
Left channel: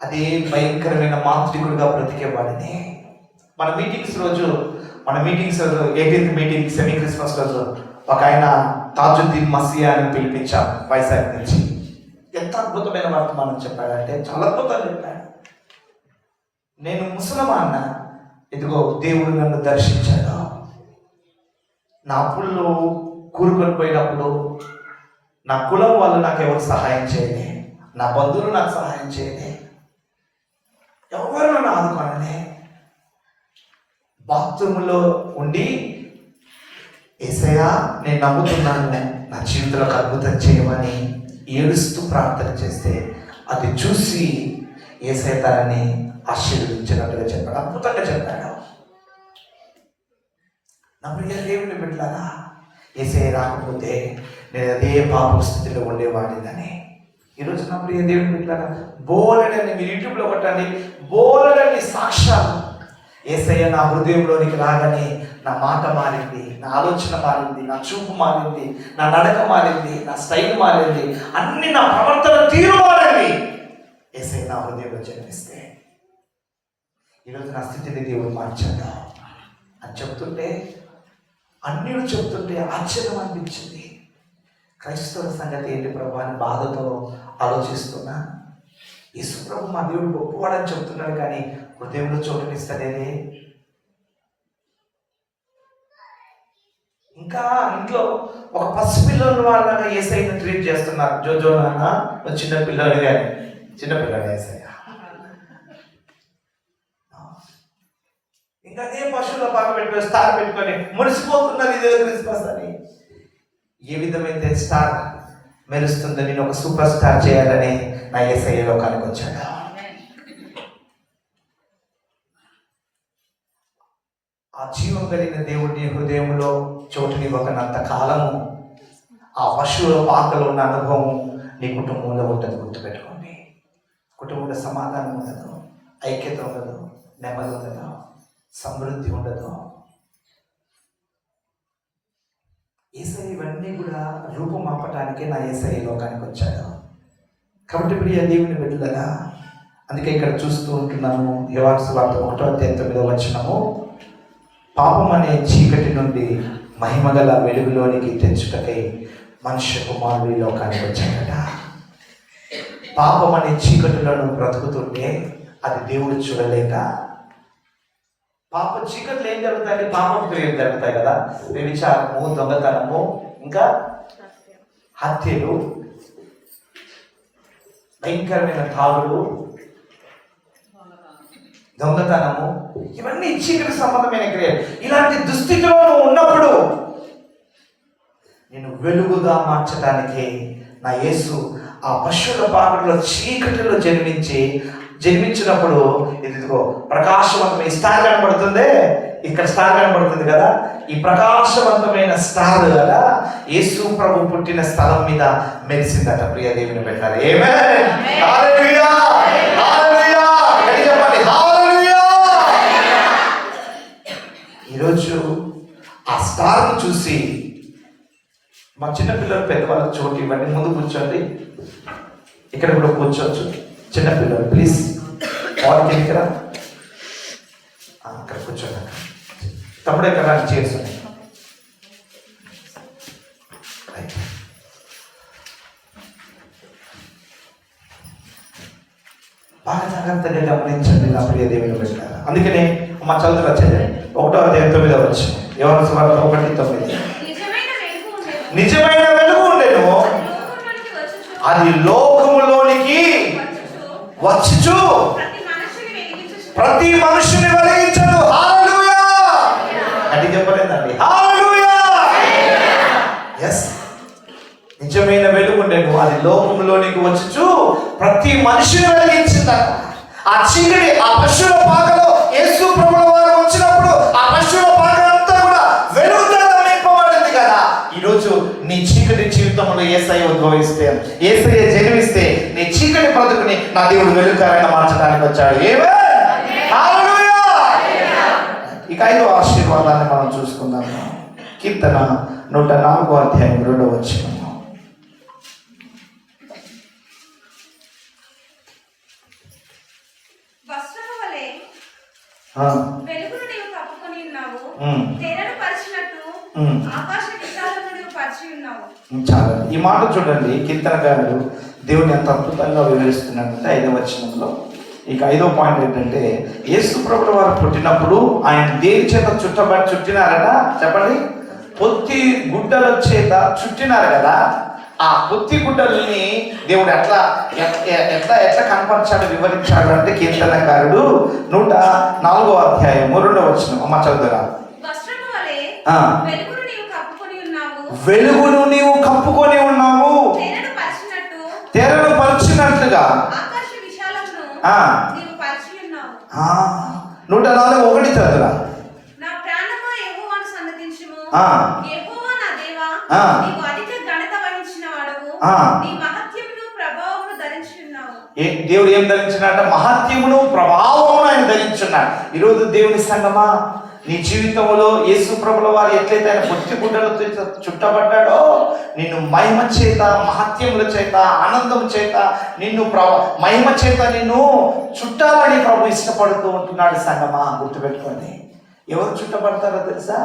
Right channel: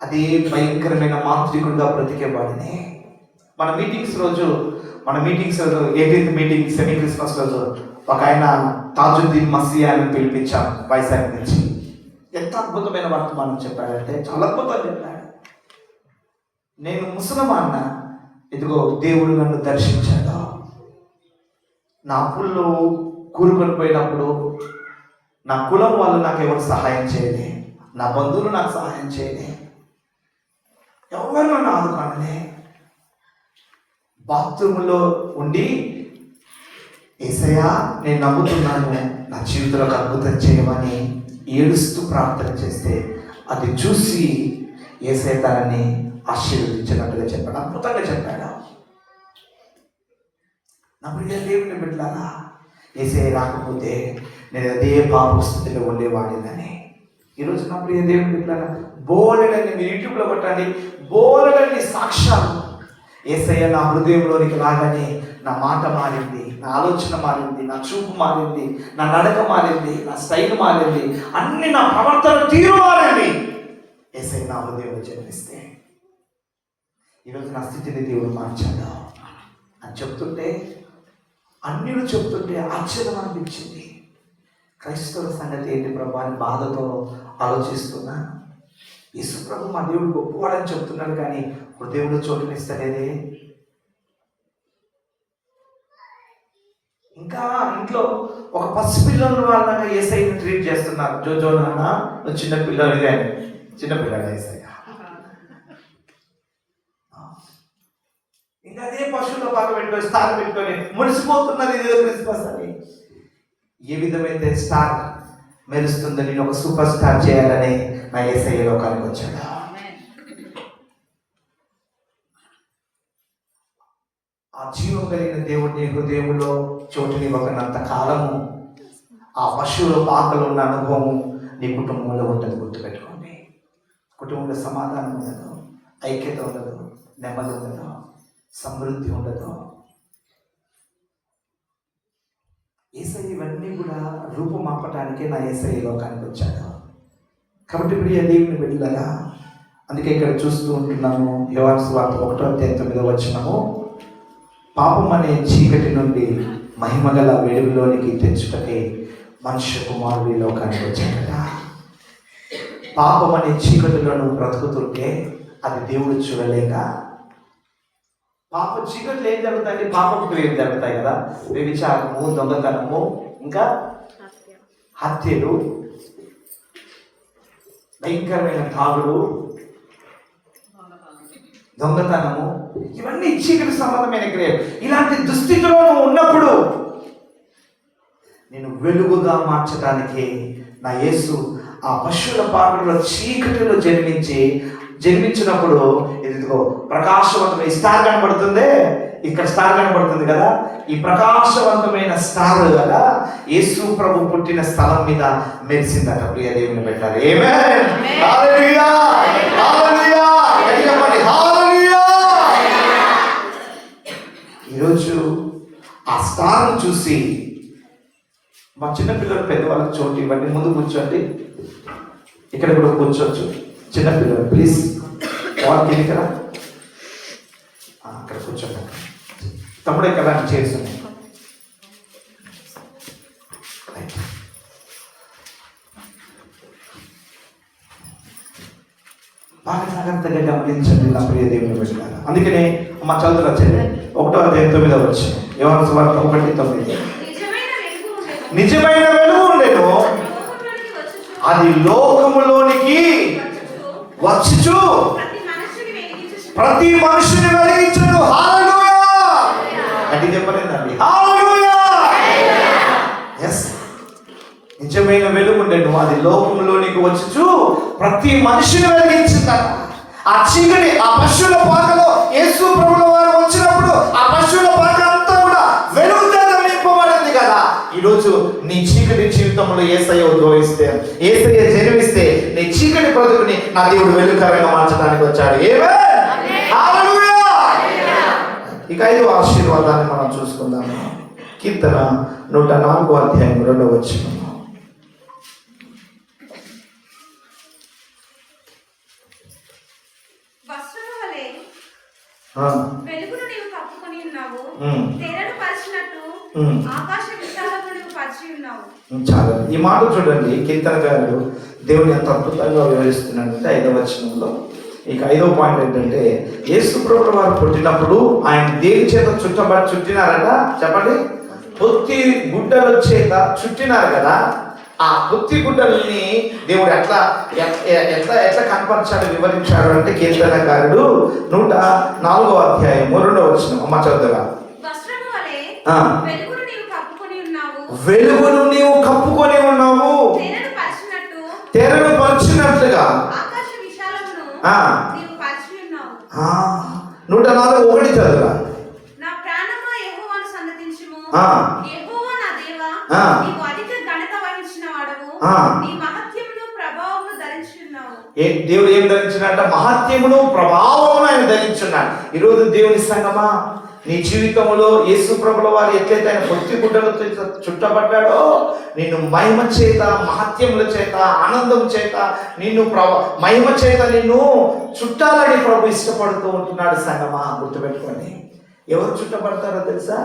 అదే భయంకరమైన మాంత్రికుడిగా బ్రతికేవాడిని. మన మీటింగ్స్ రోజు 18th మీటింగ్ సెమీ క్రిస్మస్ రోజు ఒక ఆయన తాజుద్దీన్ మసియా అని పిలిపించాం వైజాగ్ నుంచి. ఎంత అద్భుతమైన వర్తమానం చెప్పాడంటే చాలా అద్భుతంగా చెప్పాడు. నేను ముసలమాన్న, ఇదిగో దేవుడు నన్ను దర్శించాడు. నా అప్పుల్లో కూరుకొని పోయినప్పుడు నా కులం వాళ్ళు నాకు ఎవరు సహాయం చేయలే, నా బంధువులు నాకు సహాయం చేయలే, ఎవరు నన్ను ఆదుకోనలే. బాత్రూంలో ఉండి యేసయ్యా నేను నమ్ముతున్నాను, నా జీవితంలో అద్భుతం చేయమని ఏడుస్తూ ప్రార్థన చేస్తే అది చూసి యేసయ్య తనని ఆశీర్వదించినట్టుగా చెప్పాడు. అద్భుతంగా చెప్పాడు. నా ప్రియ దేవుని బిడ్డలారా, యేసయ్య రాకపోతే నేను అదే పాప స్థితిలో ఉండేవాడినని. ఈరోజు నా ప్రియ దేవుని బిడ్డలారా, బోలెడని మీరు యూట్యూబ్లో కొట్టండి, బోలెడని సాక్ష్యాలు. యేసయ్య నా హృదయంలోనికి రాగానే నా మాట మారింది, నా ఆలోచన మారింది, నా చూపు మారింది, నా నడక మారింది, నా స్టైల్ మారింది, అన్ని నా ప్రవర్తన తీరు మారింది. యేసయ్య నా హృదయంలో జన్మిస్తే ఈరోజు నా స్థితిని దేవుడు మార్చాడు అని చెప్తుంటే, అన్యులు చెప్తుంటే ఆశ్చర్యం అనిపించింది. క్రైస్తవ సంగతి ఏంటి ప్రభు అని బాధతో ఆలోచిస్తున్నా. యేసు ప్రభు మా దేవుడు గొప్పవాడని చెప్తున్నాడు, కానీ హృదయంలో చోటునిస్తాడే. ఇంకా ఇంట్లో ఒక పసిపిల్లలు వాళ్ళగా యేసయ్యని ట్రీట్ చేస్తున్నారు. జోజో నాన్న నువ్వు చిన్నపిల్లలు కానీ, చిన్నపిల్లలు యేసయ్య. ఇంకా అదే పశువుల బాగా పెట్టుకొని స్టార్ పెట్టుకొని మురిసిపోతున్నారు, ఇదే క్రిస్మస్ అని. ఏ విధమైతే స్టార్ మెరుస్తుందో నేను ఒక సూపర్ స్టార్ చేయాలని నా యేసయ్య లోకానికి వచ్చాడు. ఆ జీవం కలిగిన దేవుడిని హృదయంలో చోటునివ్వకనంత కాలము ఆ పశువుల పాకలో ఉన్న అనుభవం నీ కుటుంబంలో ఉంటుంది. గుర్తుపెట్టుకోండి, కుటుంబంలో సమాధానం ఉండదు, ఐక్యత ఉండదు, నెమ్మది ఉండదు, సమృద్ధి ఉండదు. యేసయ్య ఇవన్నీ కూడా రూపుమాపటానికే నా యేసయ్య లోకానికి వచ్చాడు. కాబట్టి ప్రియ దేవుని బిడ్డలారా, అందుకే ఇక్కడ చూస్తూ ఉంటున్నాము. యోహాను సువార్త 1:9 పాపం అనే చీకటి నుండి మహిమగల వెలుగులోనికి తెచ్చుటకై మనుష్య కుమారుడు ఈ లోకానికి వచ్చాడట. పాపం అనే చీకటులను బ్రతుకుతుంటే అది దేవుడు చూడలేక, పాప చీకట్లు ఏం జరుగుతాయి? పాపపు క్రియలు జరుగుతాయి కదా, వ్యభిచారము, దొంగతనము, ఇంకా హత్యలు, భయంకరమైన తాగుడు, దొంగతనము, ఇవన్నీ చీకటి సంబంధమైన క్రియలు. ఇలాంటి దుస్థితిలో నువ్వు ఉన్నప్పుడు నేను వెలుగుగా మార్చడానికి నా యేసు ఆ పశువుల పాకలో చీకటిలో జన్మించినప్పుడు ఇదిగో ప్రకాశవంతమైన స్టార్ కనబడుతుంది. ఇక్కడ స్టార్ కనబడుతుంది కదా, ఈ ప్రకాశవంతమైన స్టార్ కదా యేసు ప్రభు పుట్టిన స్థలం మీద మెరిసిందట. ప్రియ దేవుని పెట్టారు. ఆమేన్, హల్లెలూయా, హల్లెలూయా, హల్లెలూయా. ఈరోజు ఆ స్టార్ చూసి మా చిన్నపిల్లలు పెద్దవాళ్ళకి చోటు ఇవ్వండి, ముందు కూర్చోండి. ఇక్కడ కూడా కూర్చోవచ్చు చిన్నపిల్లలు, ప్లీజ్. వాళ్ళకి ఇక్కడ అక్కడ కూర్చోండి. తమ్ముడు ఎక్కడ చేస్తున్నాయి బాగా జాగ్రత్తగా గమనించండి నా ప్రియ దేవుని బిడ్డలారా. అందుకనే మా చదువు వచ్చేది 1:9 యోహాను సువార్త 1:9 నిజమైన వెలుగు ఉండేను, అది లోకములోనికి వచ్చుచు ప్రతి మనుషుని వెలిగించదు. హల్లెలూయా, అది చెప్పలేదండి. హల్లెలూయా, yes, నిజమైన వెలుగు ఉండేను, అది లోకములోనికి వచ్చుచు ప్రతి మనుషుని వెలిగించిందట. ఆ చీకటి ఆ పశువుల పాకలో యేసు ప్రభుల వారు వచ్చినప్పుడు ఆ పశువుల పాక అంతా కూడా వెలుగుతో నింపబడింది కదా. ఈరోజు నీ చీకటి జీవితంలో యేసయ్య ఉద్భవిస్తే, యేసయ్య జన్మిస్తే నీ చీకటి బ్రతుకుని నా దేవుడు వెలుగుకరంగా మార్చడానికి వచ్చాడు. హల్లెలూయా. ఇక 5వ ఆశీర్వాదాన్ని మనం చూసుకుందాము. కీర్తన 104:2 వెలుగును నీవు కప్పుకొని ఉన్నావు, తెరను పరిచినట్టు ఆకాశ విశాలమును పరిచి ఉన్నావు. చాలా ఈ మాట చూడండి, కీర్తనకారుడు దేవుడు ఎంత అద్భుతంగా వివరిస్తున్నాడంటే 5వ వచనంలో. ఇక 5వ పాయింట్ ఏంటంటే, యేసు ప్రభువు వారు పుట్టినప్పుడు ఆయన దేని చేత చుట్టినారట చెప్పండి, పొత్తి గుడ్డల చేత చుట్టినారు కదా. ఆ పొత్తి గుడ్డల్ని దేవుడు ఎట్లా ఎట్లా ఎట్లా కనపరిచాడు, వివరించాడు అంటే కీర్తనకారుడు 104వ అధ్యాయం 2వ వచనం. అమ్మ చదువురా. వెలుగును నీవు కప్పుకొని ఉన్నావు, తెరను పరిచినట్లుగా. 104:1 చదువురా. దేవుడు ఏం ధరించినట్ట? మహత్యమును ప్రభావమును ఆయన ధరించున్నాడు. ఈరోజు దేవుని సంగమా, నీ జీవితంలో యేసు ప్రభుల వారు ఎట్లయితే ఆయన పొత్తి గుడ్డలతో చుట్టబడ్డాడో, నిన్ను మహిమ చేత, మహత్యముల చేత, ఆనందం చేత, నిన్ను మహిమ చేత నిన్ను చుట్టాలని ప్రభు ఇష్టపడుతూ ఉంటున్నాడు. సంగమా గుర్తుపెట్టుకోండి. ఎవరు చుట్టబడతారో తెలుసా?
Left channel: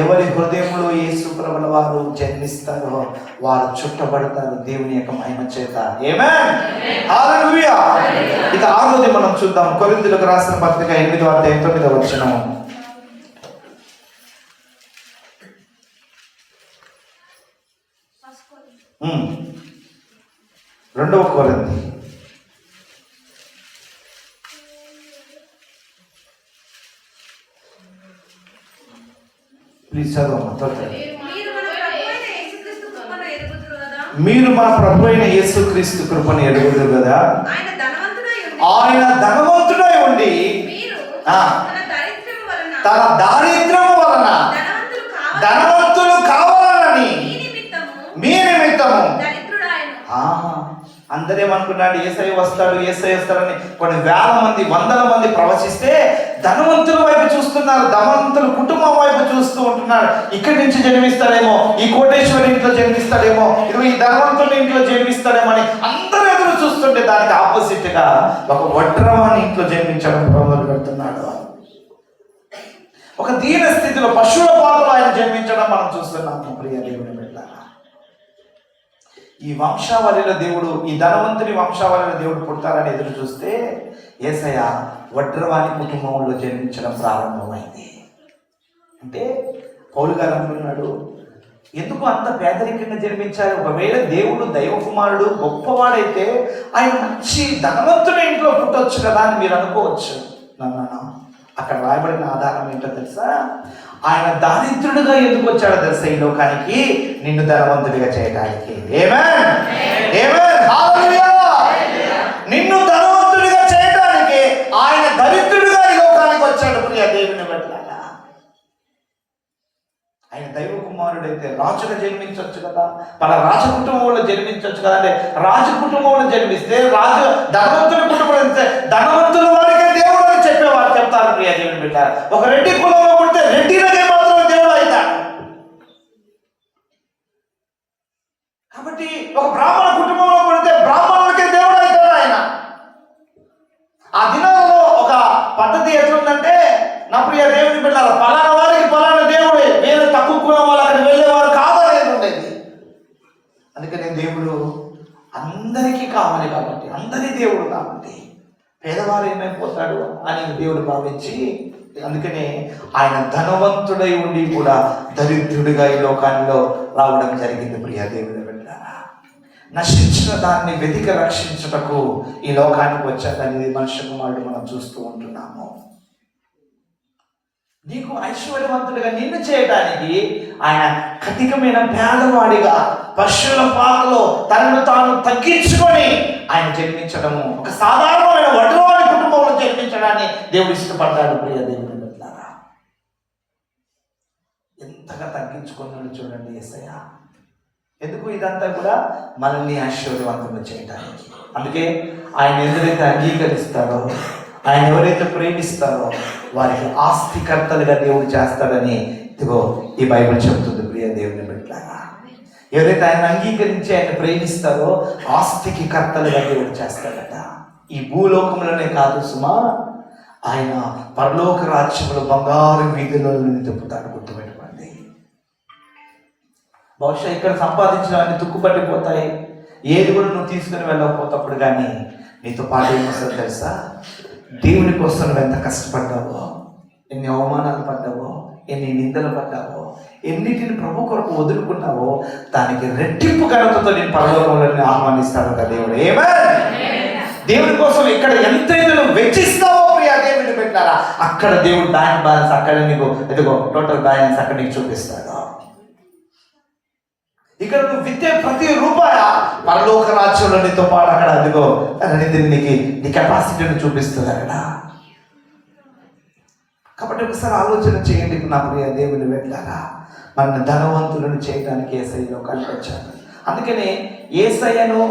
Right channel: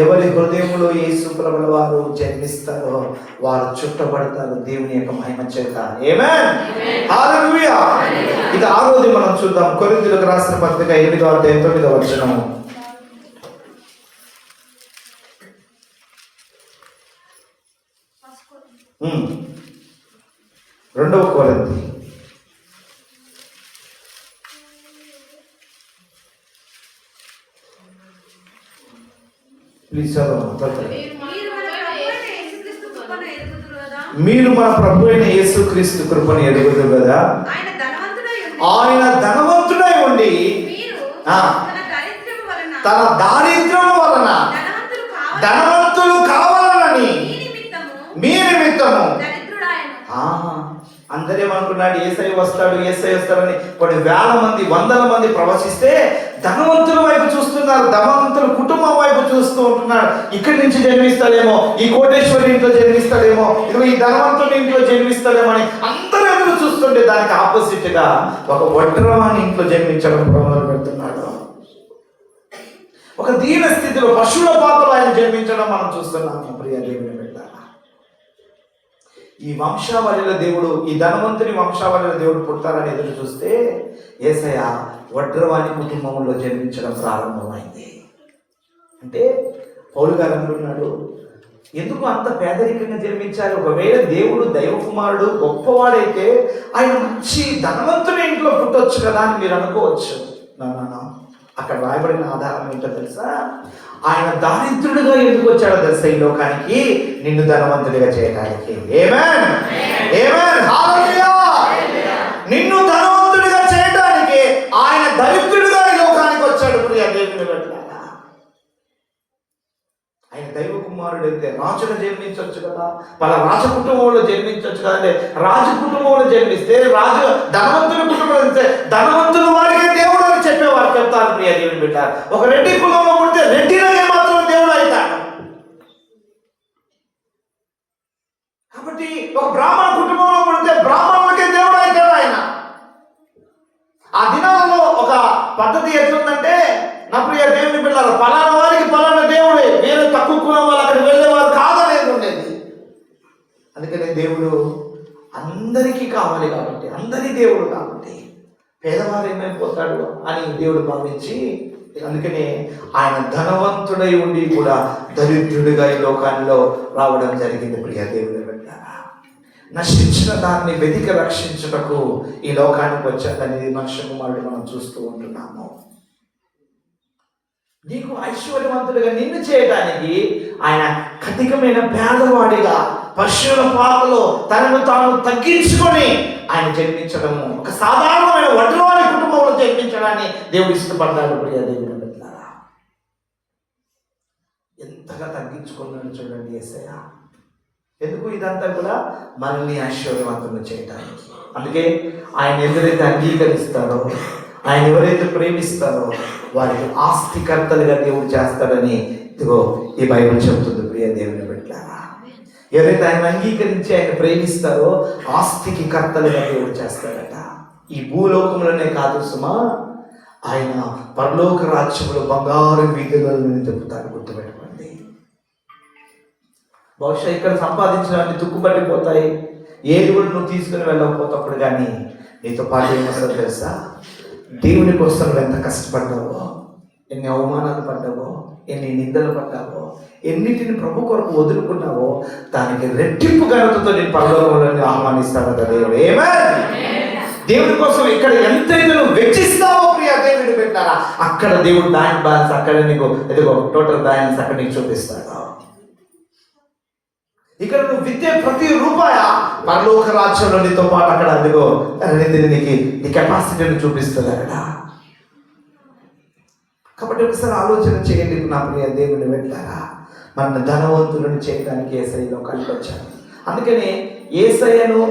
ఎవరి హృదయంలో యేసు ప్రభుల వారు జన్మిస్తారో వారు చుట్టబడతారు దేవుని యొక్క మహిమ చేత. ఆమేన్, హల్లెలూయా. ఇక ఆ రోజు మనం చూద్దాం కొరింథీయులకు రాసిన పత్రిక 8వ అధ్యాయం 9వ వచనం. రెండవ కొరింథీ ప్లీజ్ చదవండి. మీరు మన ప్రభు అయిన యేసుక్రీస్తు కృపను ఎరుగుదురు కదా. ఆయన ధనవంతుడై ఉండి తన దారిద్ర్యం వలన ధనవంతులు కావాలని మీ నిమిత్తము. అందరేమనుకున్నాడు, యేసయ్య వస్తాడని కొన్ని వేల మంది, వందల మంది ప్రవచిస్తే ధనవంతుల వైపు చూస్తున్నారు, ధనవంతుల కుటుంబం వైపు చూస్తూ ఉంటున్నారు. ఇక్కడి నుంచి జన్మిస్తాడేమో, ఈ కోటేశ్వరి ఇంట్లో జన్మిస్తాడేమో, ఇదిగో ఈ ధనవంతుల ఇంట్లో జన్మిస్తాడేమో అని అందరూ ఎదురు చూస్తుంటే దానికి ఆపోజిట్ గా ఒక వడ్రవాని ఇంట్లో జన్మించడం మొదలు పెడుతున్నాడు. ఒక దీన స్థితిలో పశువుల పాత్రలో ఆయన జన్మించడం మనం చూస్తున్నాము. ప్రియ దేవుని బిడ్డలారా, ఈ వంశావళిలో దేవుడు, ఈ ధనవంతుని వంశావళిలో దేవుడు పుడతారని ఎదురు చూస్తే యేసయ్య వడ్రవాని కుటుంబంలో జన్మించడం ప్రారంభమైంది. అంటే పౌలు గారు అంటున్నాడు, ఎందుకు అంత పేదరికంగా జన్మించాలి? ఒకవేళ దేవుడు దైవ కుమారుడు గొప్పవాడైతే ఆయన మంచి ధనవంతుని ఇంట్లో పుట్టవచ్చు కదా అని మీరు అనుకోవచ్చు. అక్కడ రాయబడిన ఆధారం ఏంటో తెలుసా? ఆయన దారిద్రుడిగా ఎందుకు వచ్చాడో తెలుసా ఈ లోకానికి? నిన్ను ధనవంతుడిగా చేయడానికి. ఆమేన్, ఆమేన్, హల్లెలూయా. నిన్ను ధనవంతుడిగా చేయడానికి ఆయన దరిద్రుడిగా ఈ లోకానికి వచ్చాడు. ప్రియ దేవుని బిడ్డలారా, ఆయన దైవ కుమారుడైతే రాజుగా జన్మించవచ్చు కదా, వాళ్ళ రాజ కుటుంబంలో జన్మించవచ్చు కదా. అంటే రాజు కుటుంబంలో జన్మిస్తే, రాజు ధనవంతుని కుటుంబంలో జన్మిస్తే ధనవంతుల వారికే దేవుడు అని చెప్పేవారు చెప్తారు. ప్రియ దేవుని బిడ్డ, ఒక రెడ్డి కులంలో పుడితే రెడ్డిలకే మాత్రం దేవుడు అవుతాడు. కాబట్టి ఒక బ్రాహ్మణ కుటుంబంలో పుడితే బ్రాహ్మణులకే దేవుడు అవుతాడు ఆయన. ఆ దినాలలో ఒక పద్ధతి ఎట్లుందంటే, నా ప్రియ దేవుని బిడ్డలారా, పలానా వారికి పలానా దేవుడే, వేరే తక్కువ కులం వాళ్ళు అక్కడ వెళ్ళేవారు కాదనేది ఉండేది. అందుకని దేవుడు అందరికీ కావాలి కాబట్టి, అందరి దేవుడు కాబట్టి పేదవారు ఏమైపోతాడు అని దేవుడు భావించి, అందుకనే ఆయన ధనవంతుడై ఉండి కూడా దరిద్రుడిగా ఈ లోకాల్లో రావడం జరిగింది. ప్రియ దేవుని బిడ్డలారా, నశించిన దాన్ని వెతికి రక్షించుటకు ఈ లోకానికి వచ్చాడనేది మనుష్య కుమారుడు మనం చూస్తూ ఉంటున్నాము. నీకు ఐశ్వర్యవంతుడిగా నిన్ను చేయడానికి ఆయన కఠినమైన పేదవాడిగా పశువుల పాకలో తనను తాను తగ్గించుకొని ఆయన జన్మించడము, ఒక సాధారణమైన వడ్రవాడి కుటుంబంలో జన్మించడాన్ని దేవుడు ఇష్టపడతాడు. ప్రియ దేవుని బిడ్డలారా, ఎంతగా తగ్గించుకున్నాడు చూడండి యేసయ్య. ఎందుకు? ఇదంతా కూడా మనల్ని ఐశ్వర్యవంతులు చేయడానికి. అందుకే ఆయన ఎవరైతే అంగీకరిస్తారో, ఆయన ఎవరైతే ప్రేమిస్తారో వారికి ఆస్తికర్తలుగా దేవుడు చేస్తాడని ఇదిగో ఈ బైబిల్ చెబుతుంది. ప్రియ దేవుని బిడ్డలారా, ఎవరైతే ఆయన అంగీకరించి ఆయన ప్రేమిస్తారో ఆస్తికి కర్తలుగా దేవుడు చేస్తాడట. ఈ భూలోకంలోనే కాదు సుమా, ఆయన పరలోక రాజ్యంలో బంగారు వీధులను తిప్పుతాడు. గుర్తుపెట్టుకోండి. బహుశా ఇక్కడ సంపాదించిన అన్ని తుక్కుపట్టిపోతాయి, ఏది కూడా నువ్వు తీసుకుని వెళ్ళకపోతప్పుడు కానీ నీతో పాటు ఏమొస్తుందో తెలుసా? దేవుని కోసం నువ్వు ఎంత కష్టపడ్డావో, ఎన్ని అవమానాలు పడ్డావో, ఎన్ని నిందలు పడ్డావో, ఎన్నిటిని ప్రభు కొరకు వదులుకున్నావో దానికి రెట్టింపు ఘనతతో నేను పరలోకంలో ఆహ్వానిస్తానంట దేవుడు. దేవుని కోసం ఇక్కడ ఎంతైతే నువ్వు వెచ్చిస్తావో ప్రియ దేవుని పెట్టారా, అక్కడ దేవుడు బ్యాంక్ బ్యాలెన్స్ అక్కడ నీకు ఎదుగో టోటల్ బ్యాలెన్స్ అక్కడ నీకు చూపిస్తాడు. ఇక్కడ నువ్వు విద్య ప్రతి రూపాయ పరలోక రాజ్యంలో నీతో పాటు అక్కడ అదిగో నీకు నీ కెపాసిటీని చూపిస్తుంది అక్కడ. కాబట్టి ఒకసారి ఆలోచన చేయండి నా ప్రియ దేవుని వెళ్ళారా, మన ధనవంతులను చేయడానికి యేసయ్య లోకానికి వచ్చాను. అందుకని యేసయ్యను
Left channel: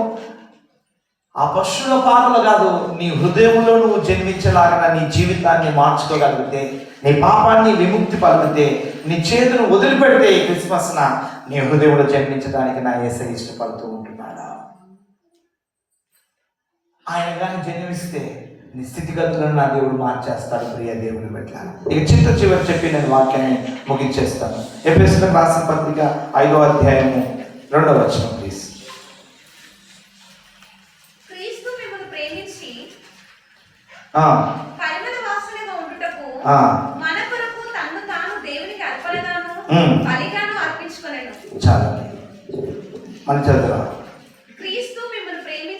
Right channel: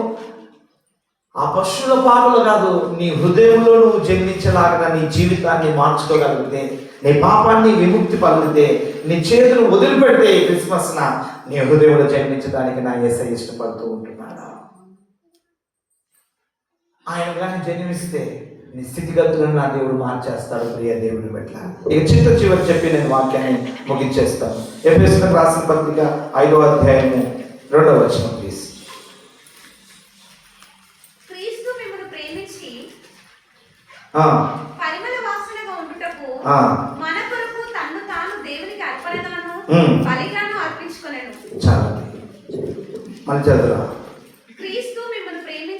ఆ పశువుల పాటలు కాదు, నీ హృదయంలో నువ్వు జన్మించలాగా నీ జీవితాన్ని మార్చుకోగలిగితే, నీ పాపాన్ని విముక్తి పలిగితే, నీ చేతులు వదిలిపెడితే ఈ క్రిస్మస్న నీ హృదయంలో జన్మించడానికి నా యేసయ్య ఇష్టపడుతూ ఉంటున్నాడు. ఆయన కానీ జన్మిస్తే నీ స్థితిగతులను నా దేవుడు మార్చేస్తాడు ప్రియ దేవుని పెట్టాలి. ఇక చివరి చెప్పి నేను వాక్యాన్ని ముగించేస్తాను. ఎఫెసీయులకు రాసిన పత్రిక 5వ అధ్యాయము 2వ వచనం ప్లీజ్. క్రీస్తు మిమ్మల్ని ప్రేమించి పరిమళ వాసనగా ఉండుటకు మన కొరకు తన్ను తాను దేవునికి అర్పణగాను బలిగాను అర్పించుకొనెను. చాలా మన చేతుల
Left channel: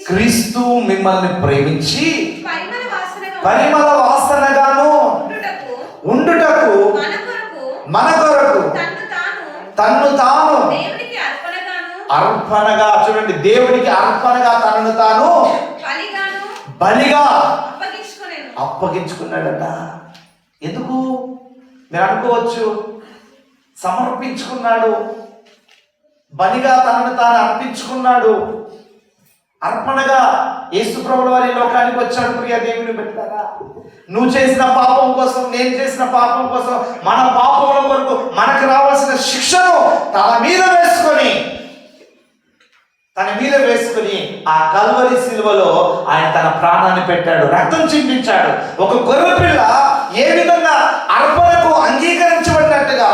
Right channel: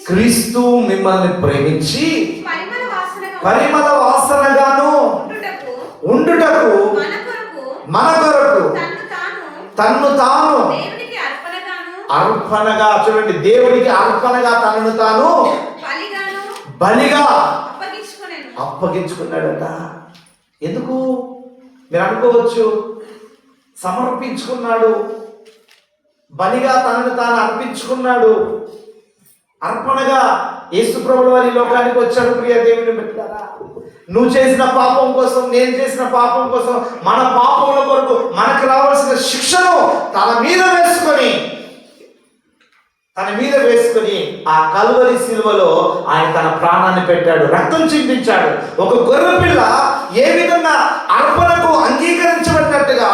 క్రీస్తు మిమ్మల్ని ప్రేమించి పరిమళ వాసనగాను ఉండుటకు మన కొరకు తన్ను తాను అర్పణగా, చూడండి, దేవునికి అర్పణగా తనను తాను బలిగా అప్పగించుకున్నాడట. ఎందుకు మీరు అనుకోవచ్చు, సమర్పించుకున్నాడు, బలిగా తనను తాను అర్పించుకున్నాడు, అర్పణగా యేసు ప్రభువు వారి లోకానికి వచ్చాడు. ప్రియ దేవుని బిడ్డలారా, నువ్వు చేసిన పాపం కోసం, నేను చేసిన పాపం కోసం, మన పాపముల కొరకు మనకు రావాల్సిన శిక్షను తన మీద వేసుకొని ఆ కల్వరి శిలువలో ఆయన తన ప్రాణాన్ని పెట్టాడు, రక్తం చిందించాడు. ఒక గొర్రెపిల్ల ఏ విధంగా అర్పణకు అంగీకరించబడినట్టుగా,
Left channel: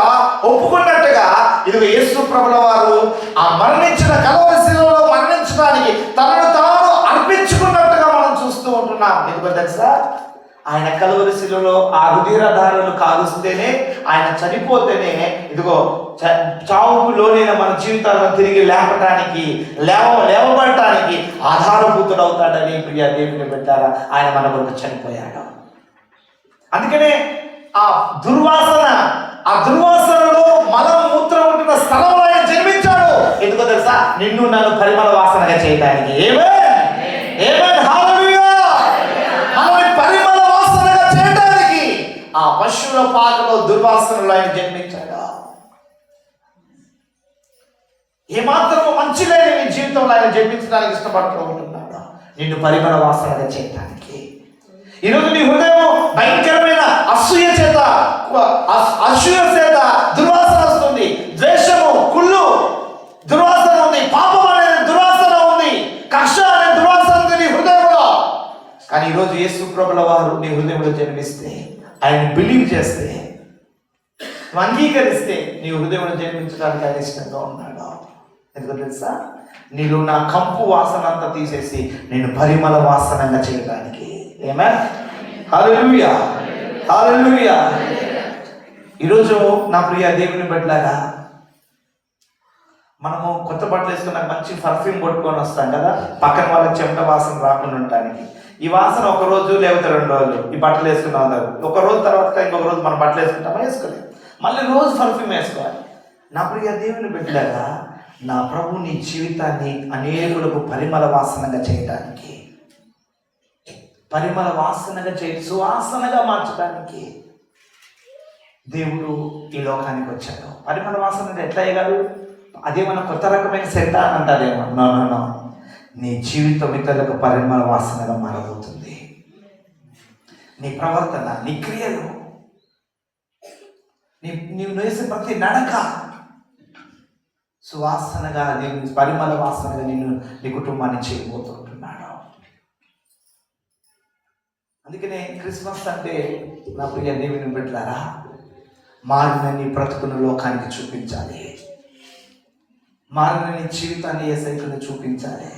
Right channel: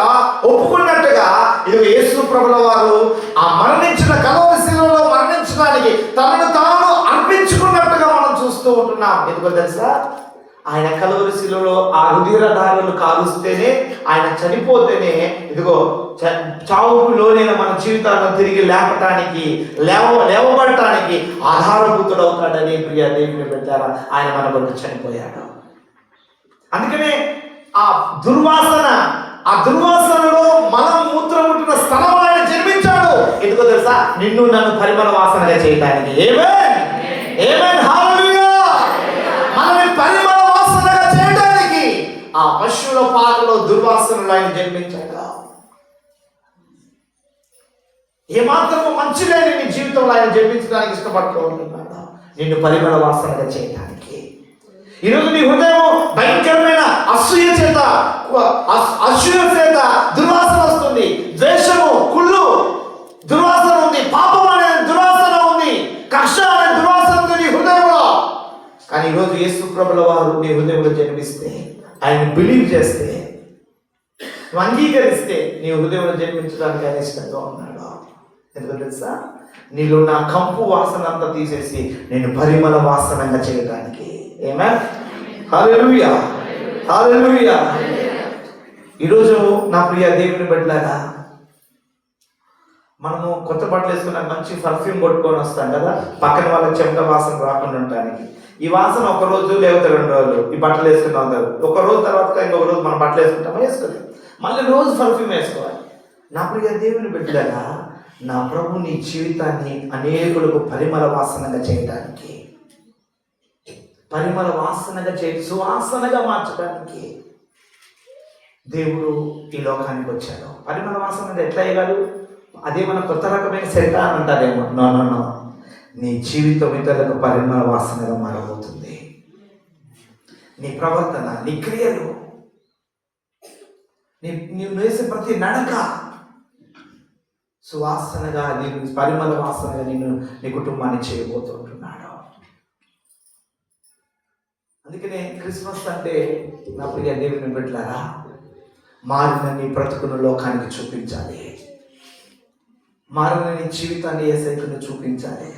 ఒప్పుకున్నట్టుగా, ఇది యేసు ప్రభువు వారు ఆ మరణించిన కల్వరి శిలువలో మరణించడానికి తనను తాను అర్పించుకున్నట్టుగా మనం చూస్తూ ఉంటున్నాం. ఎందుకో తెలుసా? ఆయన కల్వరి శిలువలో ఆ రుధిరధారలు కాలుస్తేనే, ఆయన చనిపోతేనే ఇదిగో చావుకు లోనైన మన జీవితాలను తిరిగి లేవబడటానికి ఆధారభూతుడవుతాడని ప్రియ దేవుని పెట్టారా, ఆయన మన కొరకు చనిపోయాడు. అందుకనే ఆ దుర్వాసనలో మలం మూత్రం ఉంటున్న స్థలం ఆయన జన్మించాడు. ఎందుకో తెలుసా? నిన్ను నన్ను పరిమళ వాసనగా చేయడానికి. పరిమళ వాసనగా చేయడానికి ఆ పశువుల పాకలో దుర్వాసనలో ఆయన జన్మించాడు. ఏమాత్రము మంచి లేని నీ జీవితంలో ఆయన జన్మించడానికి ఇష్టపడుతూ ఉంటున్నాడు, నిన్ను పరిమళ వాసనగా చేయడానికి. ఈరోజు నీ హృదయం భయంకరమైన అసూయ చేత దుర్వాసన వస్తుంది, ద్వేషము, కుళ్ళు దుర్వాసన ఉంది, పాపం అనేది దుర్వాసన ఉంది, కక్ష అనే దుర్వాసన ఉంది నీ హృదయంలో. కానీ ఈరోజు యేసు ప్రభుల వారు నీ హృదయంలో జన్మిస్తే, ఆయన బిలీవ్ చేస్తే, నువ్వు అంగీకరిస్తే నీ హృదయంలో జన్మించడానికి ఆయన ఇష్టంగా ఉన్నాడు. ఎందుకు తెలుసా? నీలో నా కంపు వాసన అంతా తీసేసి నేను పరిమళ వాసనంగా చేయడానికి. హల్లెలూయా, హల్లెలూయా. ఈరోజు నా ప్రియ దేవుని బిడ్డలారా, మనము కొత్త బట్టలు వేసుకున్న మంచి పర్ఫ్యూమ్ కొట్టుకొని వస్తాం కదా, పక్కన వాళ్ళకి చెమట వాసన రాకుండా ఉండటానికి. ఈ వాసన ఒక రోజు లేకపోతే 2 రోజులు ఈ బట్టలు వేసుకుని ఉంటారు. ఒక రోజు తర్వాత ఇంకొక రోజు మనం బట్టలు వేసుకుంటామా? వేసుకోలేదు. మళ్ళీ రోజు పర్ఫ్యూమ్ వేసుకోవాలి. నా ప్రియ దేవుని బిడ్డలారా, నా ప్రభు నీ జీవితాన్ని అనేకులకు పరిమళ వాసనగా చేయడానికి, పరిమళ వాసనగా సువాసనగా మార్చడానికి దేవుడు ఈ లోకానికి వచ్చాడు. పరిమళ వాసన ఎట్లా అయ్యాడు? అదేమన్నా కొత్త రకమైన సెంట అని అంటారేమో. నో, నీ జీవితం ఇతరులకు పరిమళ వాసనగా మారబోతుంది. నీ ప్రవర్తన, నీ క్రియలు, నీవు వేసే ప్రతి నడక సువాసనగా, పరిమళ వాసనగా నీ కుటుంబాన్ని చేయబోతుంటున్నాడు. అందుకనే క్రిస్మస్ అంటే నా ప్రియ దేవుని బిడ్డలారా, మారిన నీ బ్రతుకును లోకానికి చూపించాలి, మారిన నీ జీవితాన్ని యేసయ్యకు చూపించాలి.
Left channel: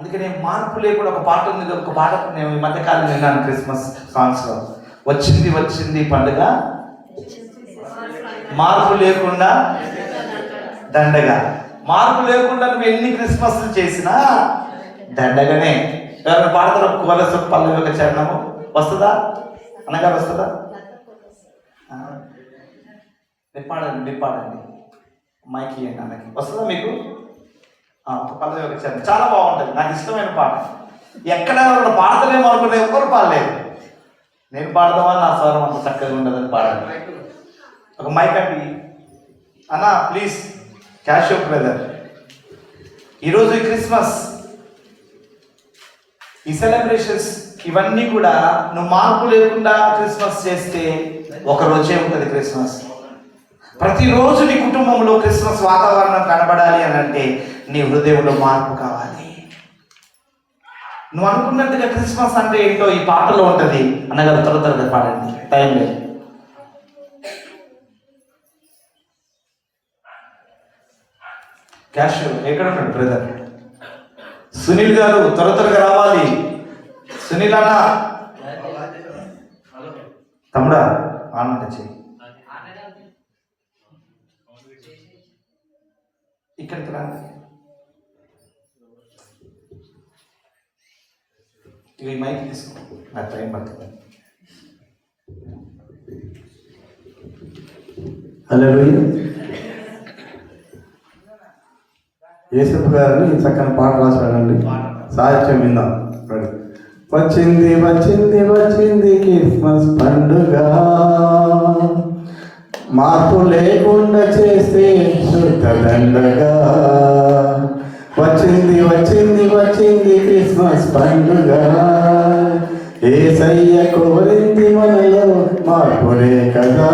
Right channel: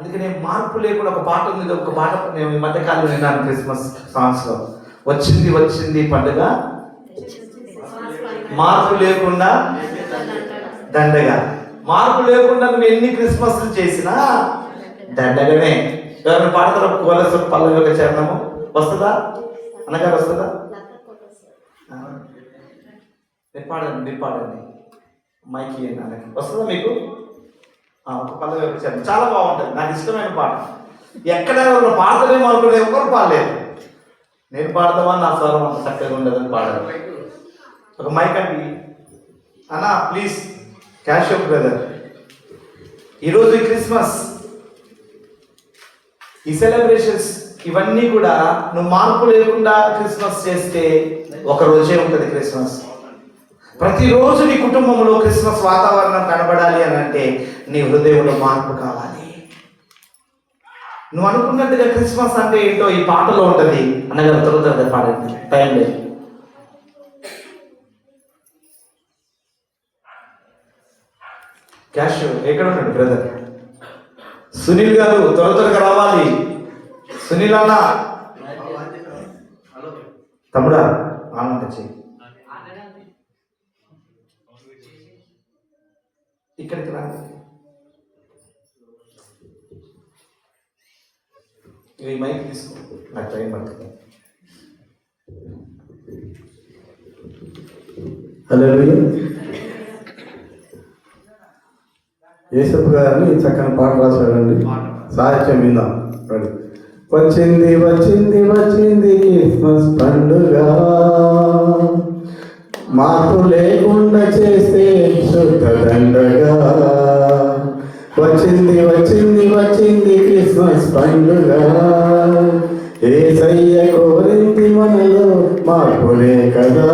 అందుకనే మార్పు లేకుండా ఒక పాట ఉంది, ఒక పాట నేను ఈ మధ్యకాలం విన్నాను క్రిస్మస్ సాంగ్స్లో. వచ్చింది వచ్చింది పండుగ, మార్పు లేకుండా దండగా. మార్పు లేకుండా నువ్వు ఎన్ని క్రిస్మస్లు చేసినా దండగానే. ఎవరైనా పాడతారు కోలస పల్లవిక చరణము వస్తుందా అనగా వస్తుందా? మీరు పాడండి మైకి అన్నకి వస్తుందా మీకు? ఒక పల్లవిక చరణం చాలా బాగుంటుంది, నాకు ఇష్టమైన పాట. ఎక్కడైనా వాళ్ళు పాడతారేమో అనుకుంటే ఎవరు పాడలేదు. నేను పాడదామా నా స్వరం అంత చక్కగా ఉండదని పాడాలి. ఒక మైక్ అండి అన్న ప్లీజ్. క్యాష్ బ్రదర్, ఈరోజు ఈ క్రిస్మస్, ఈ సెలబ్రేషన్స్ ఇవన్నీ కూడా నువ్వు మార్పు లేకుండా క్రిస్మస్ చేస్తే ఒక రోజే ఉంటుంది క్రిస్మస్. ప్రతిరోజు నీ కుటుంబంలో క్రిస్మస్ వాతావరణం కనబడాలి అని అంటే నీ హృదయంలో మార్పు కావాలి. నువ్వు అనుకున్నట్టుగా క్రిస్మస్ అంటే ఏంటో ఈ పాటలో ఉంటుంది అనగా త్వరగా పాడండి, టైం లేదు. క్యాష్ ఎక్కడ ఉన్నాడు బ్రదర్? సునీల్ గారు త్వరగా రావాలి. సునీల్ అన్న, తమ్ముడా ఆనంద చెయ్యి, ఇక్కడికి రా. ఇవి మైక్ తీసుకో, నాకు టైం పడుతుంది. హల్లెలూయా. యేసప్ప గారిని చక్కని పాట రాశారండి, సాహిత్యం విందాం. వచ్చింది వచ్చింది వచ్చింది క్రిస్మస్ పండుగ, మార్పు లేకుండా చేస్తే శుద్ధ దండగా. వచ్చింది వచ్చింది వచ్చింది క్రిస్మస్ పండుగ, యేసయ్య కోరింది మనలో మార్పులే కదా.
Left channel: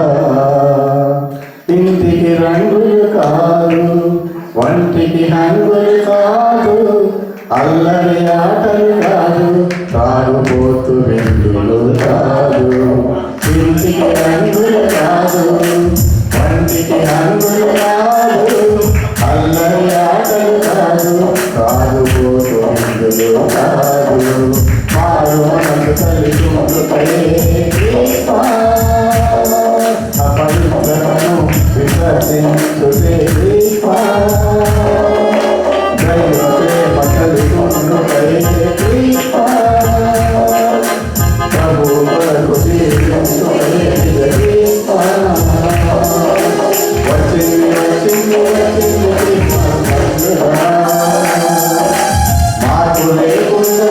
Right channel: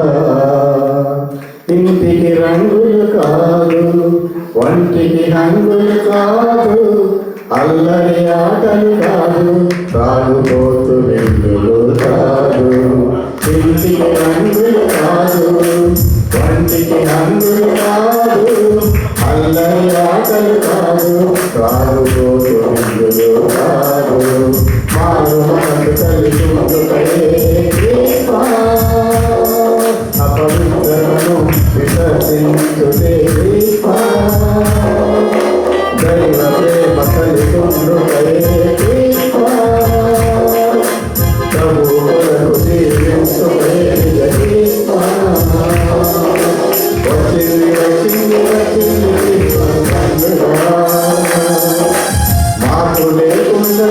ఇంటికి రంగులు కాదు, ఒంటికి హంగులు కాదు, అల్లరి ఆటలు కాదు, తాగుపోతు వెంగులు కాదు. ఇంటికి రంగులు కాదు, ఒంటికి హంగులు కాదు, అల్లరి ఆటలు కాదు, తాగుపోతు వెంగులు కాదు. మారు మనసు కలిసి అపవిత్రతను విసర్జించుటే దైవ ప్రేమ కలిసి ప్రభు కొరకు జీవించుటే. వచ్చింది వచ్చింది వచ్చింది మార్పు లేకుండా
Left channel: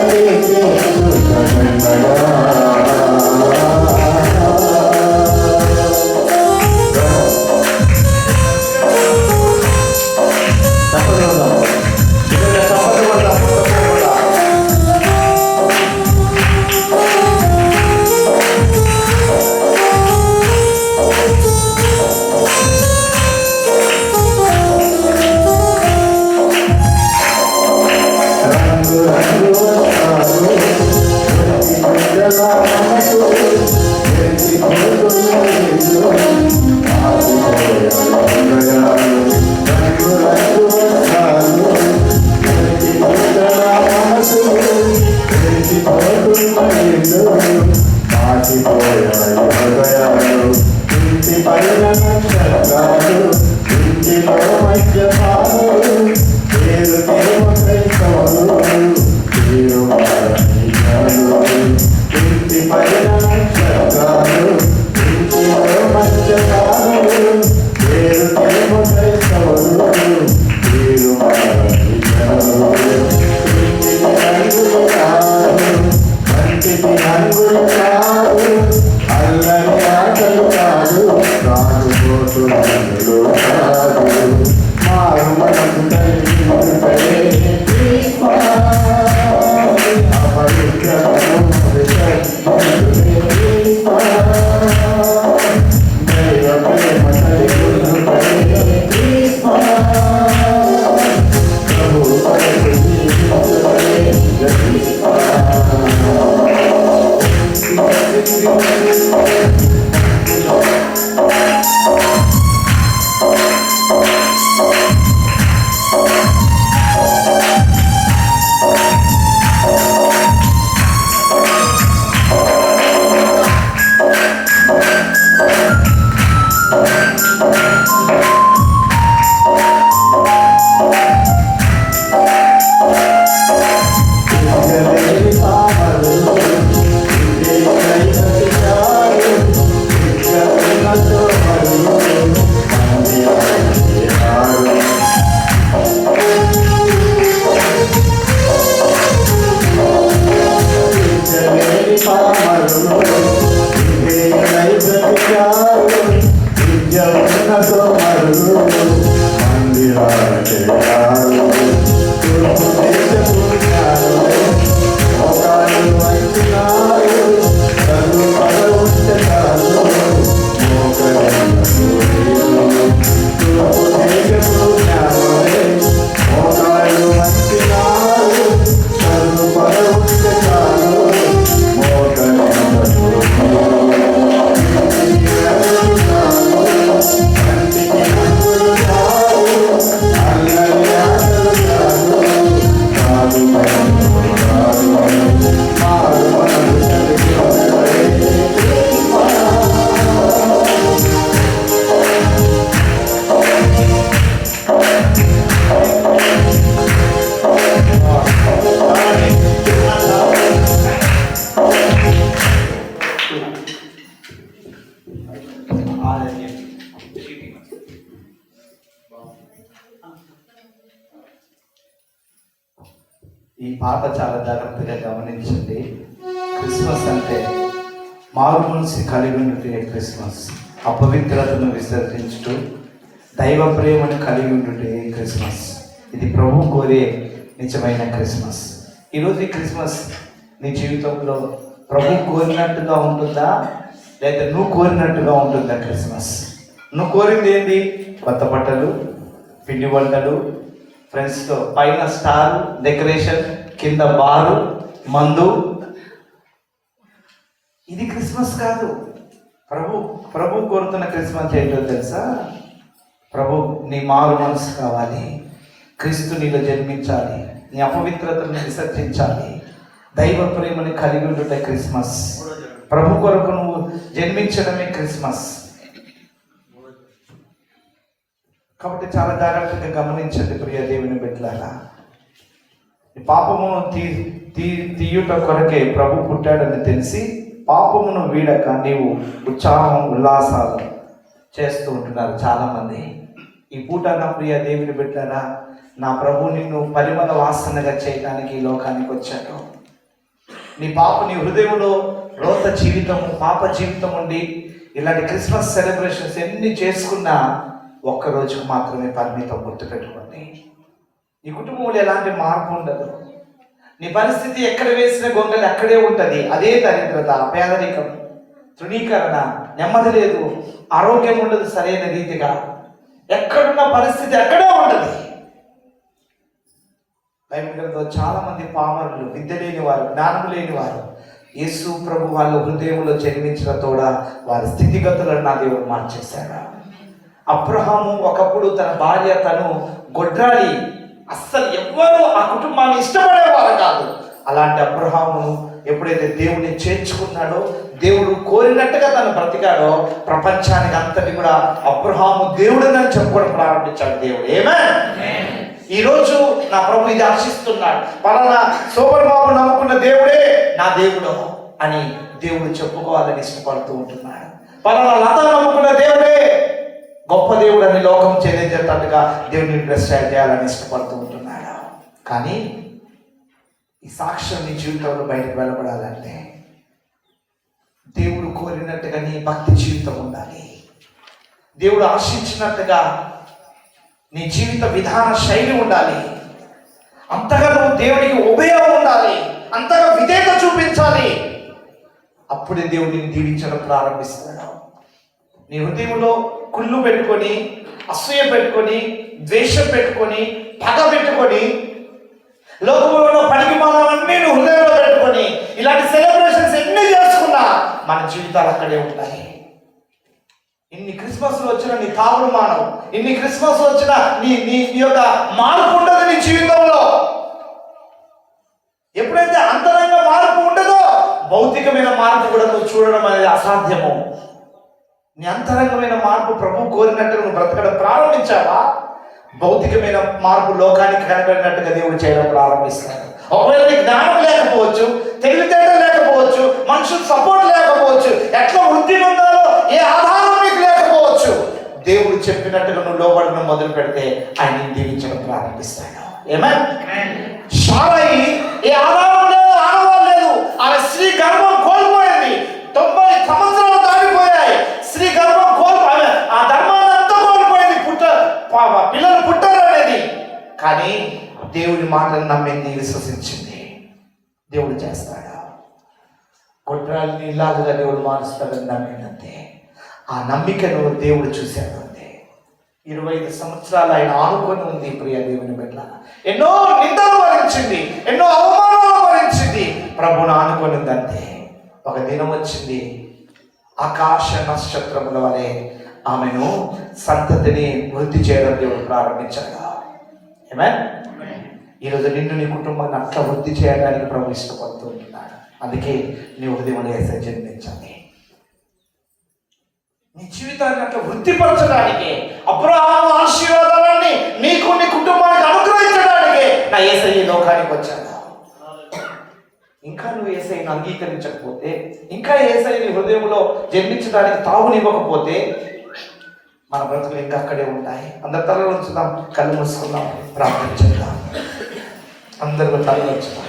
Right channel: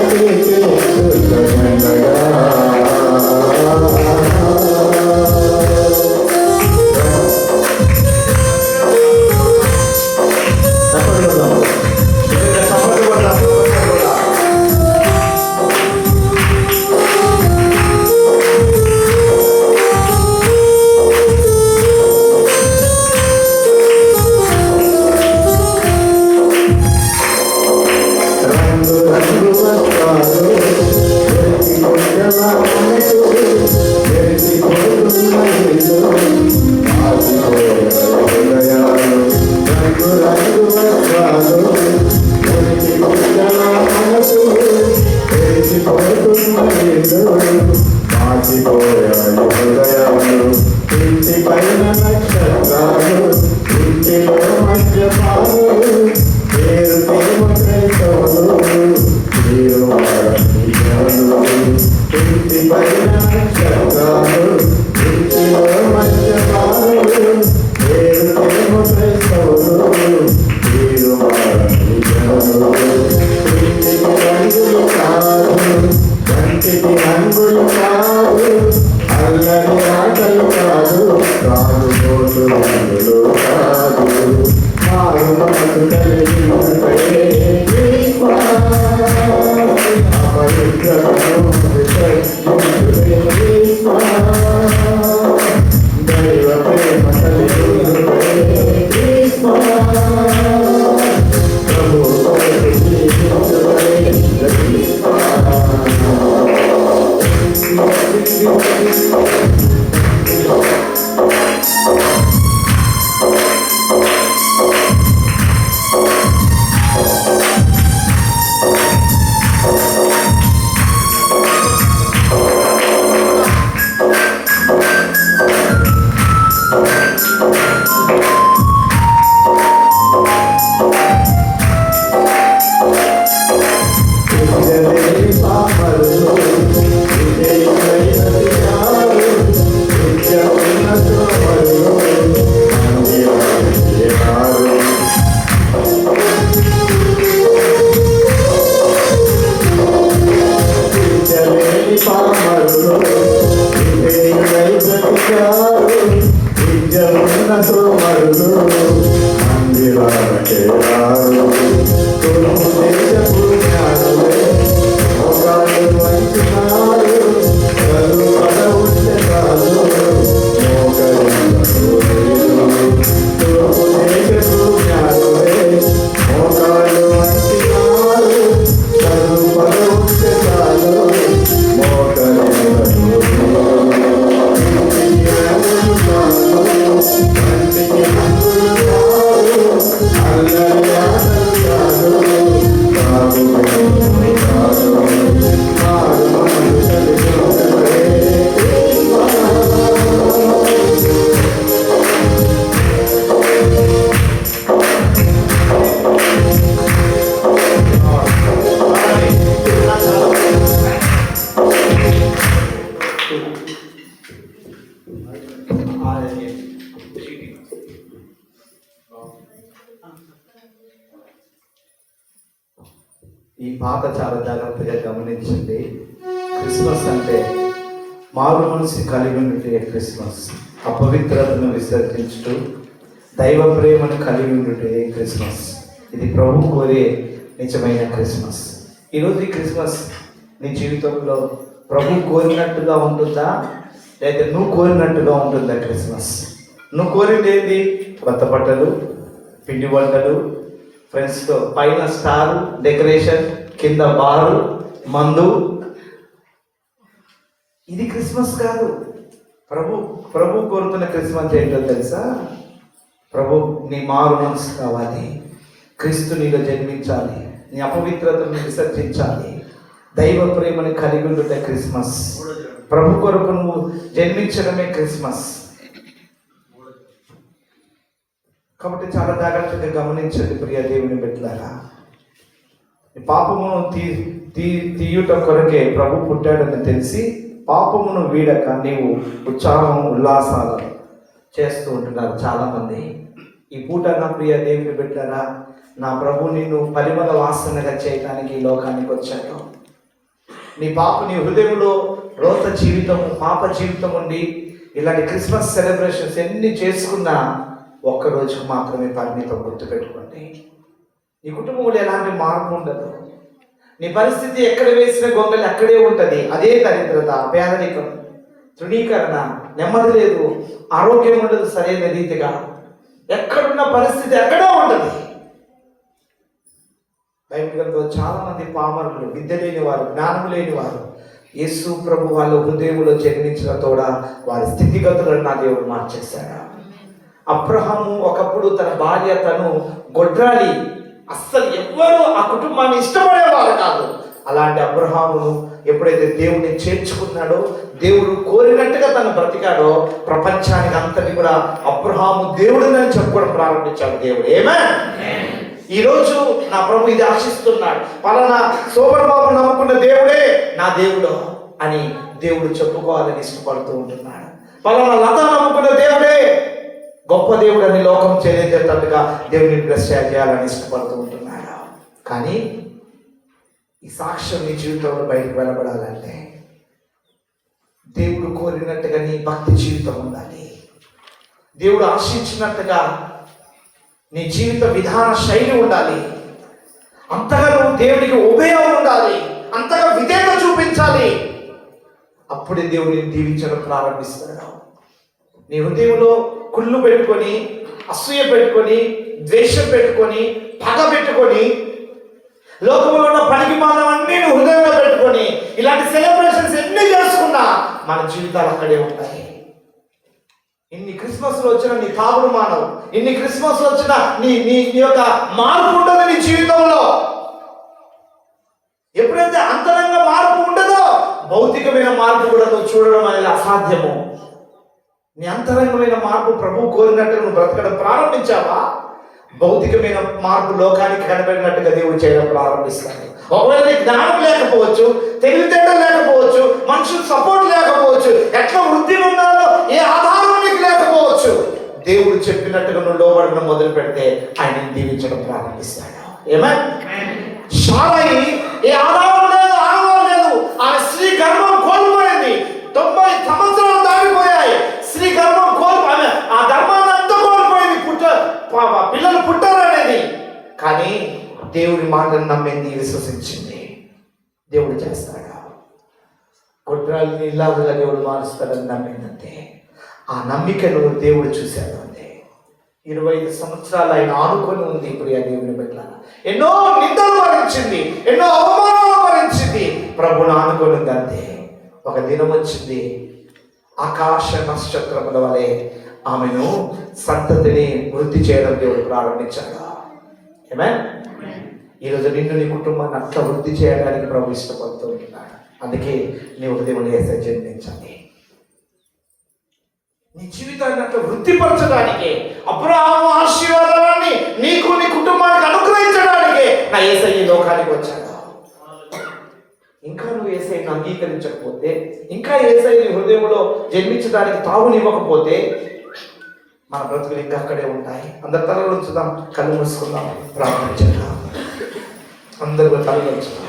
పాట చాలా జాగ్రత్తగా గమనించింది. క్రిస్మస్ అంటే మారు మనసు కలిగి ఉండే క్రిస్మస్, అపవిత్రతను విసర్జించుతూ దైవ ప్రేమను కలిగి ఉండే క్రిస్మస్. ఇది ప్రభు కోరే నిజమైన క్రిస్మస్. ఈరోజు ఈ క్రిస్మస్ నీ జీవితంలో ప్రభు కోరినట్టుగా ఉంటుందా, లేదా నువ్వు కోరినట్టుగా ఉంటుందా? క్రిస్మస్ నువ్వు కోరింది ఏంటి? కొత్త బట్టలు, పిండి వంటలు, ఫ్రెండ్స్తో పైన స్టార్ డెకరేషన్, కింద బారు, మందు. ఇది క్రిస్మస్ కాదు. ప్రభు కోరుతున్న క్రిస్మస్ ఏంటో తెలుసా? ప్రభు నీ మారు మనసు కావాలి, క్రీస్తు నీలో జన్మించాలి, నీ అపవిత్రతను విసర్జించాలి, దైవ ప్రేమని కలిగి ఉండే క్రిస్మస్. ప్రభు కొరకు నువ్వు జన్మించడమే క్రిస్మస్. కాబట్టి చాలా జాగ్రత్తగా గమనించండి ప్రియ దేవుని బిడ్డలారా. పాపమును తీయుట కొరకే ప్రభు పుట్టాడని తెలిసి పాపమును వీడక నీవు ఉత్సాహం ఉల్లాసాలు చేస్తూ ఉంటున్నారు చాలామంది. ఈ పూట నా ప్రియ దేవుని బిడ్డలారా, నా ప్రభు నిన్ను పరిమళ వాసనగా చేయడానికి ఈ లోకానికి వచ్చాడు. నీ హృదయంలో రోత జీవితం, పాప జీవితం ఉండి ఇలాంటి క్రిస్మస్ సెలబ్రేషన్స్ ఎన్ని చేసుకున్నా ఒక్కరోజుకు మాత్రమే పరిమితం. గుర్తుపెట్టుకోండి, నీ కుటుంబంలో ఎలాంటి మార్పు ఉండదు. నీ పరిస్థితి ఎక్కడ వేసిన గొంగలి అక్కడే ఉంటుంది. అదే దరిద్రత, పేదరికం, తృణీకరణ, నెమ్మది లేదు, ఆరోగ్యం ఉండదు సరైన రీతిగా. ఎక్కడున్న పరిస్థితి అక్కడే ఉంటుంది. బైబిల్ గ్రంథంలో చాలా మంది పామరులు, విద్య లేని వారు, జ్ఞానం లేని వారు యేసు ప్రభు వాళ్ళ హృదయంలో జన్మించిన తోడ వారి స్థితిగతులను నా దేవుడు మార్చేశాడు. అబ్రహాము ఒకప్పుడు తన భార్య తను గొడ్రాలి, అస్సలు ఎవ్వరూ ఆ కుటుంబాన్ని ఇష్టపడేవారు కాదు. అలాంటి అబ్రహామును ఎప్పుడైతే దేవుడిని చేర్చుకున్నాడో, దేవుడు కోరినట్టుగా తను బ్రతికాడో, ప్రపంచానికి అంతటి కూడా అబ్రహాము దేవుడిని చెప్పుకోవడం ప్రారంభించాడు దేవుడు. ఆమేన్. ఈరోజు నా ప్రభు ఇది ఆశిస్తున్నాడు. పలానా సోమర్ బాబు నమ్ముకున్న దేవుడే నా దేవుడు అని దేవుడు చెప్పుకోవాలని ఇష్టపడుతూ ఉంటున్నాడు. పలానా లత నమ్ముకున్న దేవుడే గొప్ప దేవుడు అని లోకం చేసేటట్టుగా దేవుడిని బ్లెస్ చేయాలని ఇష్టపడుతూ ఉంటున్నాడు. కానీ ఈ సాక్ష్యం నీ జీవితంలో బయటకు వెళ్ళబడాలంటే దేవుడు కోరినట్టుగా నీ భక్తి జీవితం ఉండాలి. దేవుడు ఆశించినట్టుగా నీ జీవిత విధాన శైలి ఉండాలి. అంతగా నువ్వు దేవుడికి ఉభయం ఉండాలి, అంతగా విధేయత చూపించాలి. అప్పుడే దేవుడిని దీవించడం ప్రారంభిస్తాడు. నీ హృదయంలో కుళ్ళు పెట్టుకొని, అసూయ పెట్టుకొని, ద్వేషం పెట్టుకొని, పగ పెట్టుకొని, లోకంలో ఉన్న పనికి మానవన్నీ నువ్వు హృదయంలో పెట్టుకొని ఇలాంటి సెలబ్రేషన్స్ ఎన్ని చేసుకున్నా మన జీవితాలు అక్కడే ఉంటాయి. ఇన్ని క్రిస్మస్లు వచ్చినా నీ తాగుడు మానవు, ఇన్ని క్రిస్మస్లు వచ్చినా నీ యొక్క మార్పు ఉండదు నీ జీవితంలో. ఎప్పుడైతే అంతరంగ మార్పు ఉండదో భౌతికమైన మార్పు కూడా నువ్వు చూడడం అనేది అసాధ్యము. నీ అంతరంగమైన మార్పు ప్రభు కోరినట్టు నువ్వు బ్రతకడం ప్రారంభించావా, భౌతికమైన మార్పు లోకానికి కనబడినట్టుగా దేవుడు చేయడం ప్రారంభిస్తాడు. ఒకవేళ నీకు జ్ఞానం లేకపోవచ్చు, తెలివితేటలు లేకపోవచ్చు, మనుషులు సపోర్ట్ లేకపోవచ్చు, ఎట్లా వృద్ధి ఉండాలో ఏ ఆధారం నీకు లేకపోవచ్చు, దేవుడు చెప్పినట్టుగా నువ్వు లోబడడం మొదలు పెడితే ఆయన దీవించడం ప్రారంభిస్తాడు. శారాయి ఏ ఆధారం లేదు, ఆనవాళ్ళు లేదు. ఆమె స్త్రీ గర్భం కోల్పోయింది. 90 సంవత్సరాలు దాటిపోయాయి. స్త్రీ గర్భం కోల్పోయి ఆ ధర్మాన్ని అంతా కోల్పోయింది. పిల్లలు పుట్టారు అనేది. కానీ దేవుడి మాటను నమ్మింది, విశ్వసించింది. దేవుడు చేస్తాడు. కొట్రాలని ఇలాగుగా దేవుడు మారుస్తాడని నమ్మిందంతే. ఆ నమ్మికను దేవుడు చూశాడు అంతే. 25 సంవత్సరాలు ఆయన ఆనుకొని ఉంది ప్రియ దేవుని బిడ్డ. ఎన్నో నిందలు భరించింది, ఎన్నో అవమానాలు భరించింది, ప్రభుని ఆనుకొని ఉంది అంతే. ఒక దినం వచ్చింది, ఆకాశ నక్షత్రముల వలె ఆమెను సంతతిని వృద్ధి చేయడం దేవుడు ప్రారంభించాడు. ఆమేన్. ఈరోజు నిన్ను నీ కుటుంబాన్ని అట్లా వృద్ధి చేయడానికి ప్రభు ఇష్టపడుతూ ఉంటున్నాడు. అందుకే నీ హృదయంలో యేసయ్య జన్మించాలి. నీ జీవితాన్ని అట్లా వృద్ధిపరచడానికి, అబ్రహాము ఆశీర్వాదాన్ని నీకు నీ కుటుంబానికి అనుగ్రహించడానికి నా యేసయ్య లోకానికి వచ్చాడు. ఇంకా నువ్వు యేసయ్యను అంగీకరించకపోతే, ఇంకా యేసయ్య నీ హృదయంలో జన్మించడానికి తావునివ్వకపోతే మన బ్రతుకులు ఇంకా అక్కడే ఉంటాయి. అందరు తలలో ఉంచుదాం, కళ్ళు మూసుకుందాం, ప్రార్థించుదాం. అందరూ తలలో ఉంచుదాం.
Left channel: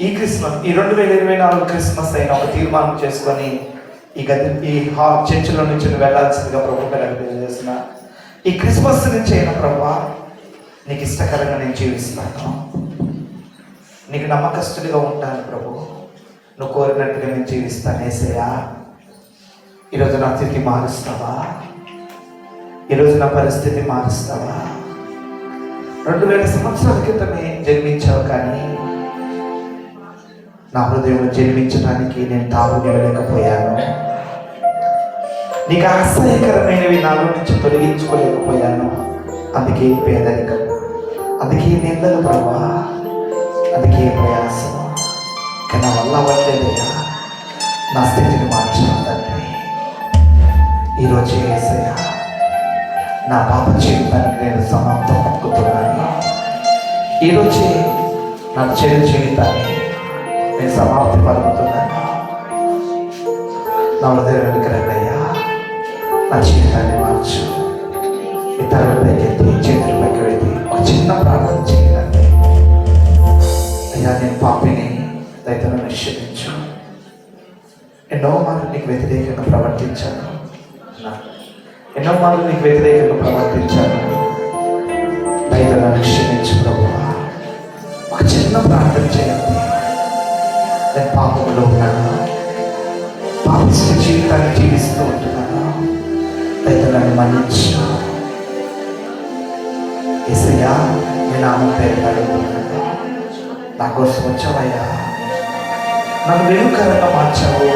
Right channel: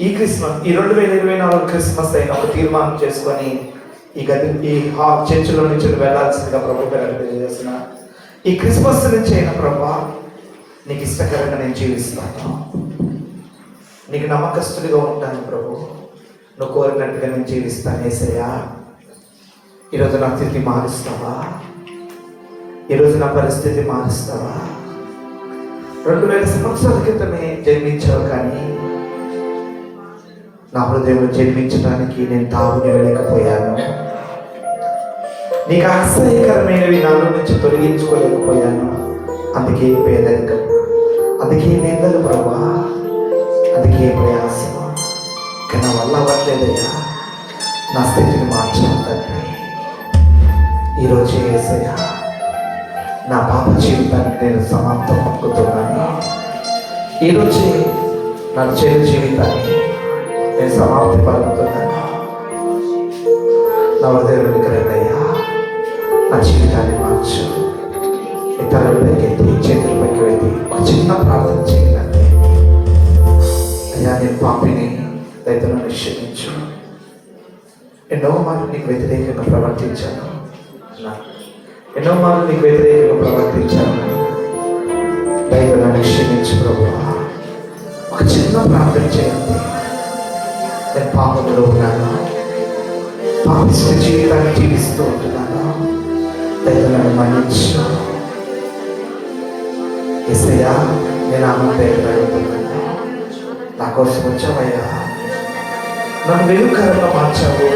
ఈ 2024 క్రిస్మస్ అయిన ఒక తీర్మానం చేసుకొని ఈ చర్చిలో నుంచి వెళ్ళాల్సిందిగా ప్రభు తెలియజేస్తున్నా. ఈ క్రిస్మస్ నుంచి అయిన ప్రభు నీకు ఇష్టకరంగా నేను జీవిస్తాను, నీకు నమ్మకస్తుడిగా ఉంటాను ప్రభు, నువ్వు కోరినట్టుగా నేను జీవిస్తాను యేసయ్యా. ఈరోజు నా స్థితి మారుస్తావా? ఈరోజు నా పరిస్థితి మారుస్తావా? 2000 సంవత్సరాల క్రితమే జన్మించావు, కానీ నా హృదయంలో జన్మించడానికి నేను తాగులేకపోయాను. నీకు ఆశ్చర్యకరమైనవి నాలో నుంచి తొలగించుకోలేకపోయాను. అందుకే పేదరికం, అందుకే నిందలు ప్రభా, అందుకే ప్రయాసం. కానీ నా వల్ల అవ్వట్లేదయ్యా. నా స్థితిని మార్చాలంటే ఈరోజు యేసయ్యా నా పాప జీవితానికి నేను సమాప్తం పలుకుతున్నాను. ఈరోజే నా చెడు జీవితాన్ని నేను సమాప్తి పలుకుతున్నాను. నా హృదయంలోకి రండయ్యా, నా జీవితాన్ని మార్చు. ఇతరులపైకి ఎత్తి చేతులపైకి వెళ్ళి ఒక చిన్న ప్రార్థన చేయాలి. అయ్యా, నేను పాపిని, దయతో క్షమించు. ఎన్నో మార్లు నీకు వ్యతిరేకంగా ప్రవర్తించాను, ఎన్నో మార్లు నీకు వ్యతిరేకంగా ప్రవర్తించాను. దయతో క్షమించు ప్రభువా. ఒక చిన్న ప్రార్థన చేయండి. నేను పాపంలో ఉన్నాను, పాపిష్ట జీవితాన్ని జీవిస్తూ ఉంటున్నాను. దయతో నన్ను మన్నించు యేసయ్యా. నేను ఆమె పేరు అడుగుతున్నాను, నా కోసం వచ్చావయ్యా. నన్ను వెలుకరంగా మార్చావు.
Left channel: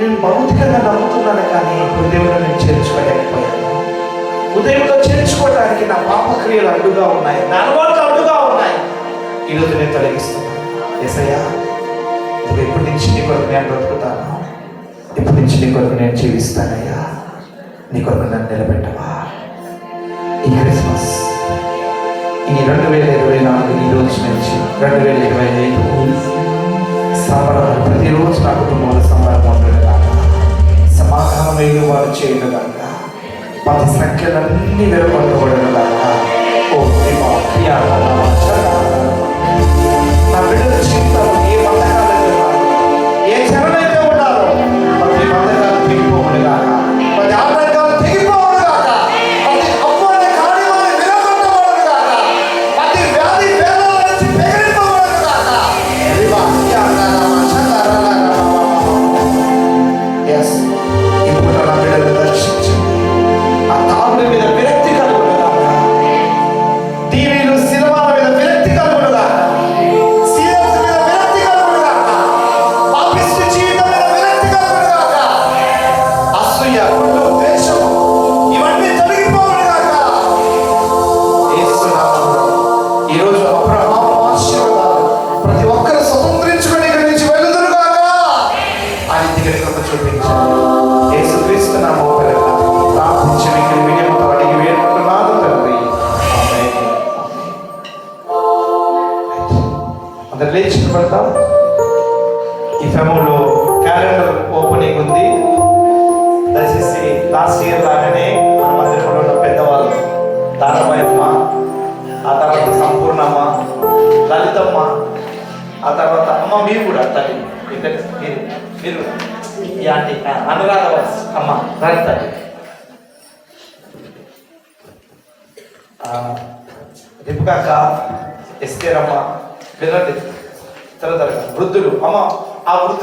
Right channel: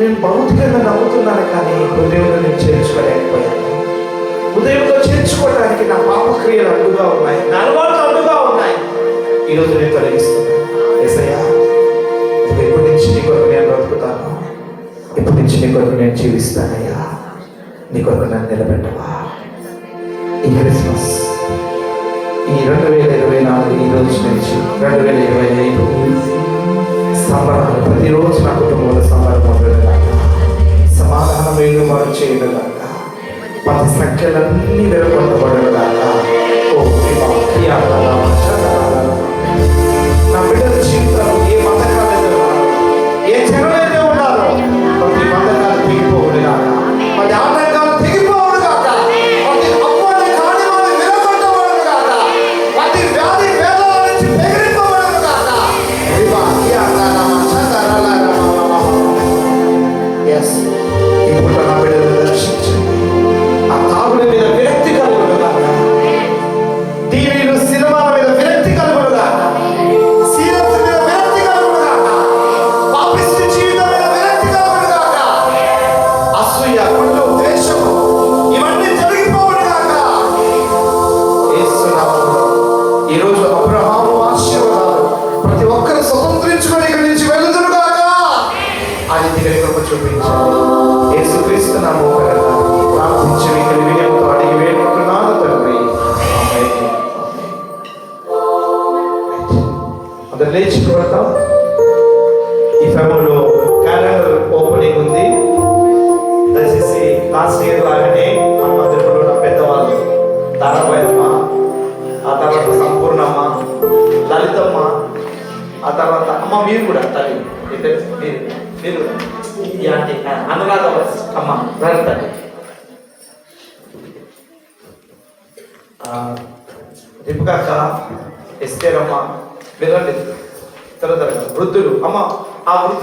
నేను భౌతికంగా నమ్ముతున్నాను, కానీ హృదయంలో నేను చేర్చుకోలేకపోయాను. హృదయంలో చేర్చుకోవడానికి నా పాపక్రియలు అడ్డుగా ఉన్నాయి, నా అలవాట్లు అడ్డుగా ఉన్నాయి. ఈరోజు నేను తొలగిస్తున్నాను యేసయ్యా. ఎప్పటి నుంచి నీ కొరకు నేను బ్రతుకుతాను, ఎప్పటి నుంచి నీ కొరకు నేను జీవిస్తానయ్యా. నీ కొరకు నన్ను నిలబెట్టవా. ఈ క్రిస్మస్, ఈ 2024 ఈ రోజు నుంచి 2025 సంబరాలు ప్రతిరోజు నా కుటుంబంలో సంబరం ఉండగా, సమాధానమైన వారు చేయగలగా, పది సంఖ్యలన్నీ వెలువడబడగా. ఓ నా బిడ్డల జీవితాలు ఏ పథకాలు ఉన్నారు, ఏ జనమైతే ఉన్నారో ప్రతి పథకాలు తెగిపోవుడుగా, ప్రతి ఆటంకాలు తెగిపోవుడుగాక, ప్రతి అప్పుని కాని వారి విరగొట్టబడుగాక, ప్రతి వ్యాధి వేదన నుంచి బెదిరింపబడుగాక. ఎస్, ఇప్పుడు నా బిడ్డలను రక్షించండి. ఆ తాగుడి మీద విరక్తి కలుగుడుగాక, టీవీలు సినిమాల మీద విరక్తి కలుగుడుగాక, సీరియల్స్ మీద విరక్తి కలుగుడుగాక, పాపిష్ట జీవితం మీద విరక్తి కలుగుడుగాక, అసూయ, కుళ్ళు, ద్వేషము ఇవన్నీ తొలగిపోవుడుగాక. యేసు నామములో ఈరోజు అబ్రహాము ఆశీర్వాదాలు ప్రతి ఒక్కరు స్వతంత్రించుకొని ఇక్కడి నుంచి వెళ్ళుదురుగాక. ఆ రీతిగా కృప చూపించండి. యేసుక్రీస్తు నామములో ప్రార్థించి మీకు వినయముతో అడిగి వేడుకుంటున్నాను తండ్రి. ఆమేన్. అందరు లేచి నిలబడతాం. ఈ సమయంలో క్యాలెండర్ ఓపెనింగ్ ఉంది. దయచేసి లాస్ట్ ఇయర్ లాగానే మన మందిరంలో ఉన్న పెద్దవాళ్ళు, దానబాయమ్మ, ఆ తర్వాత సంపూర్ణమ్మ, లలితమ్మ, ఆ తర్వాత అమ్మ మీరు కూడా తల్లి, ఇద్దరు మీరు ఈ ఆంటీ అనురాధ అమ్మ లలిత, రిపుకాక, ఎస్కేరమ్మ, పిల్లలు తర్వాత వృద్ధులు అమ్మ, ఆ వృద్ధులు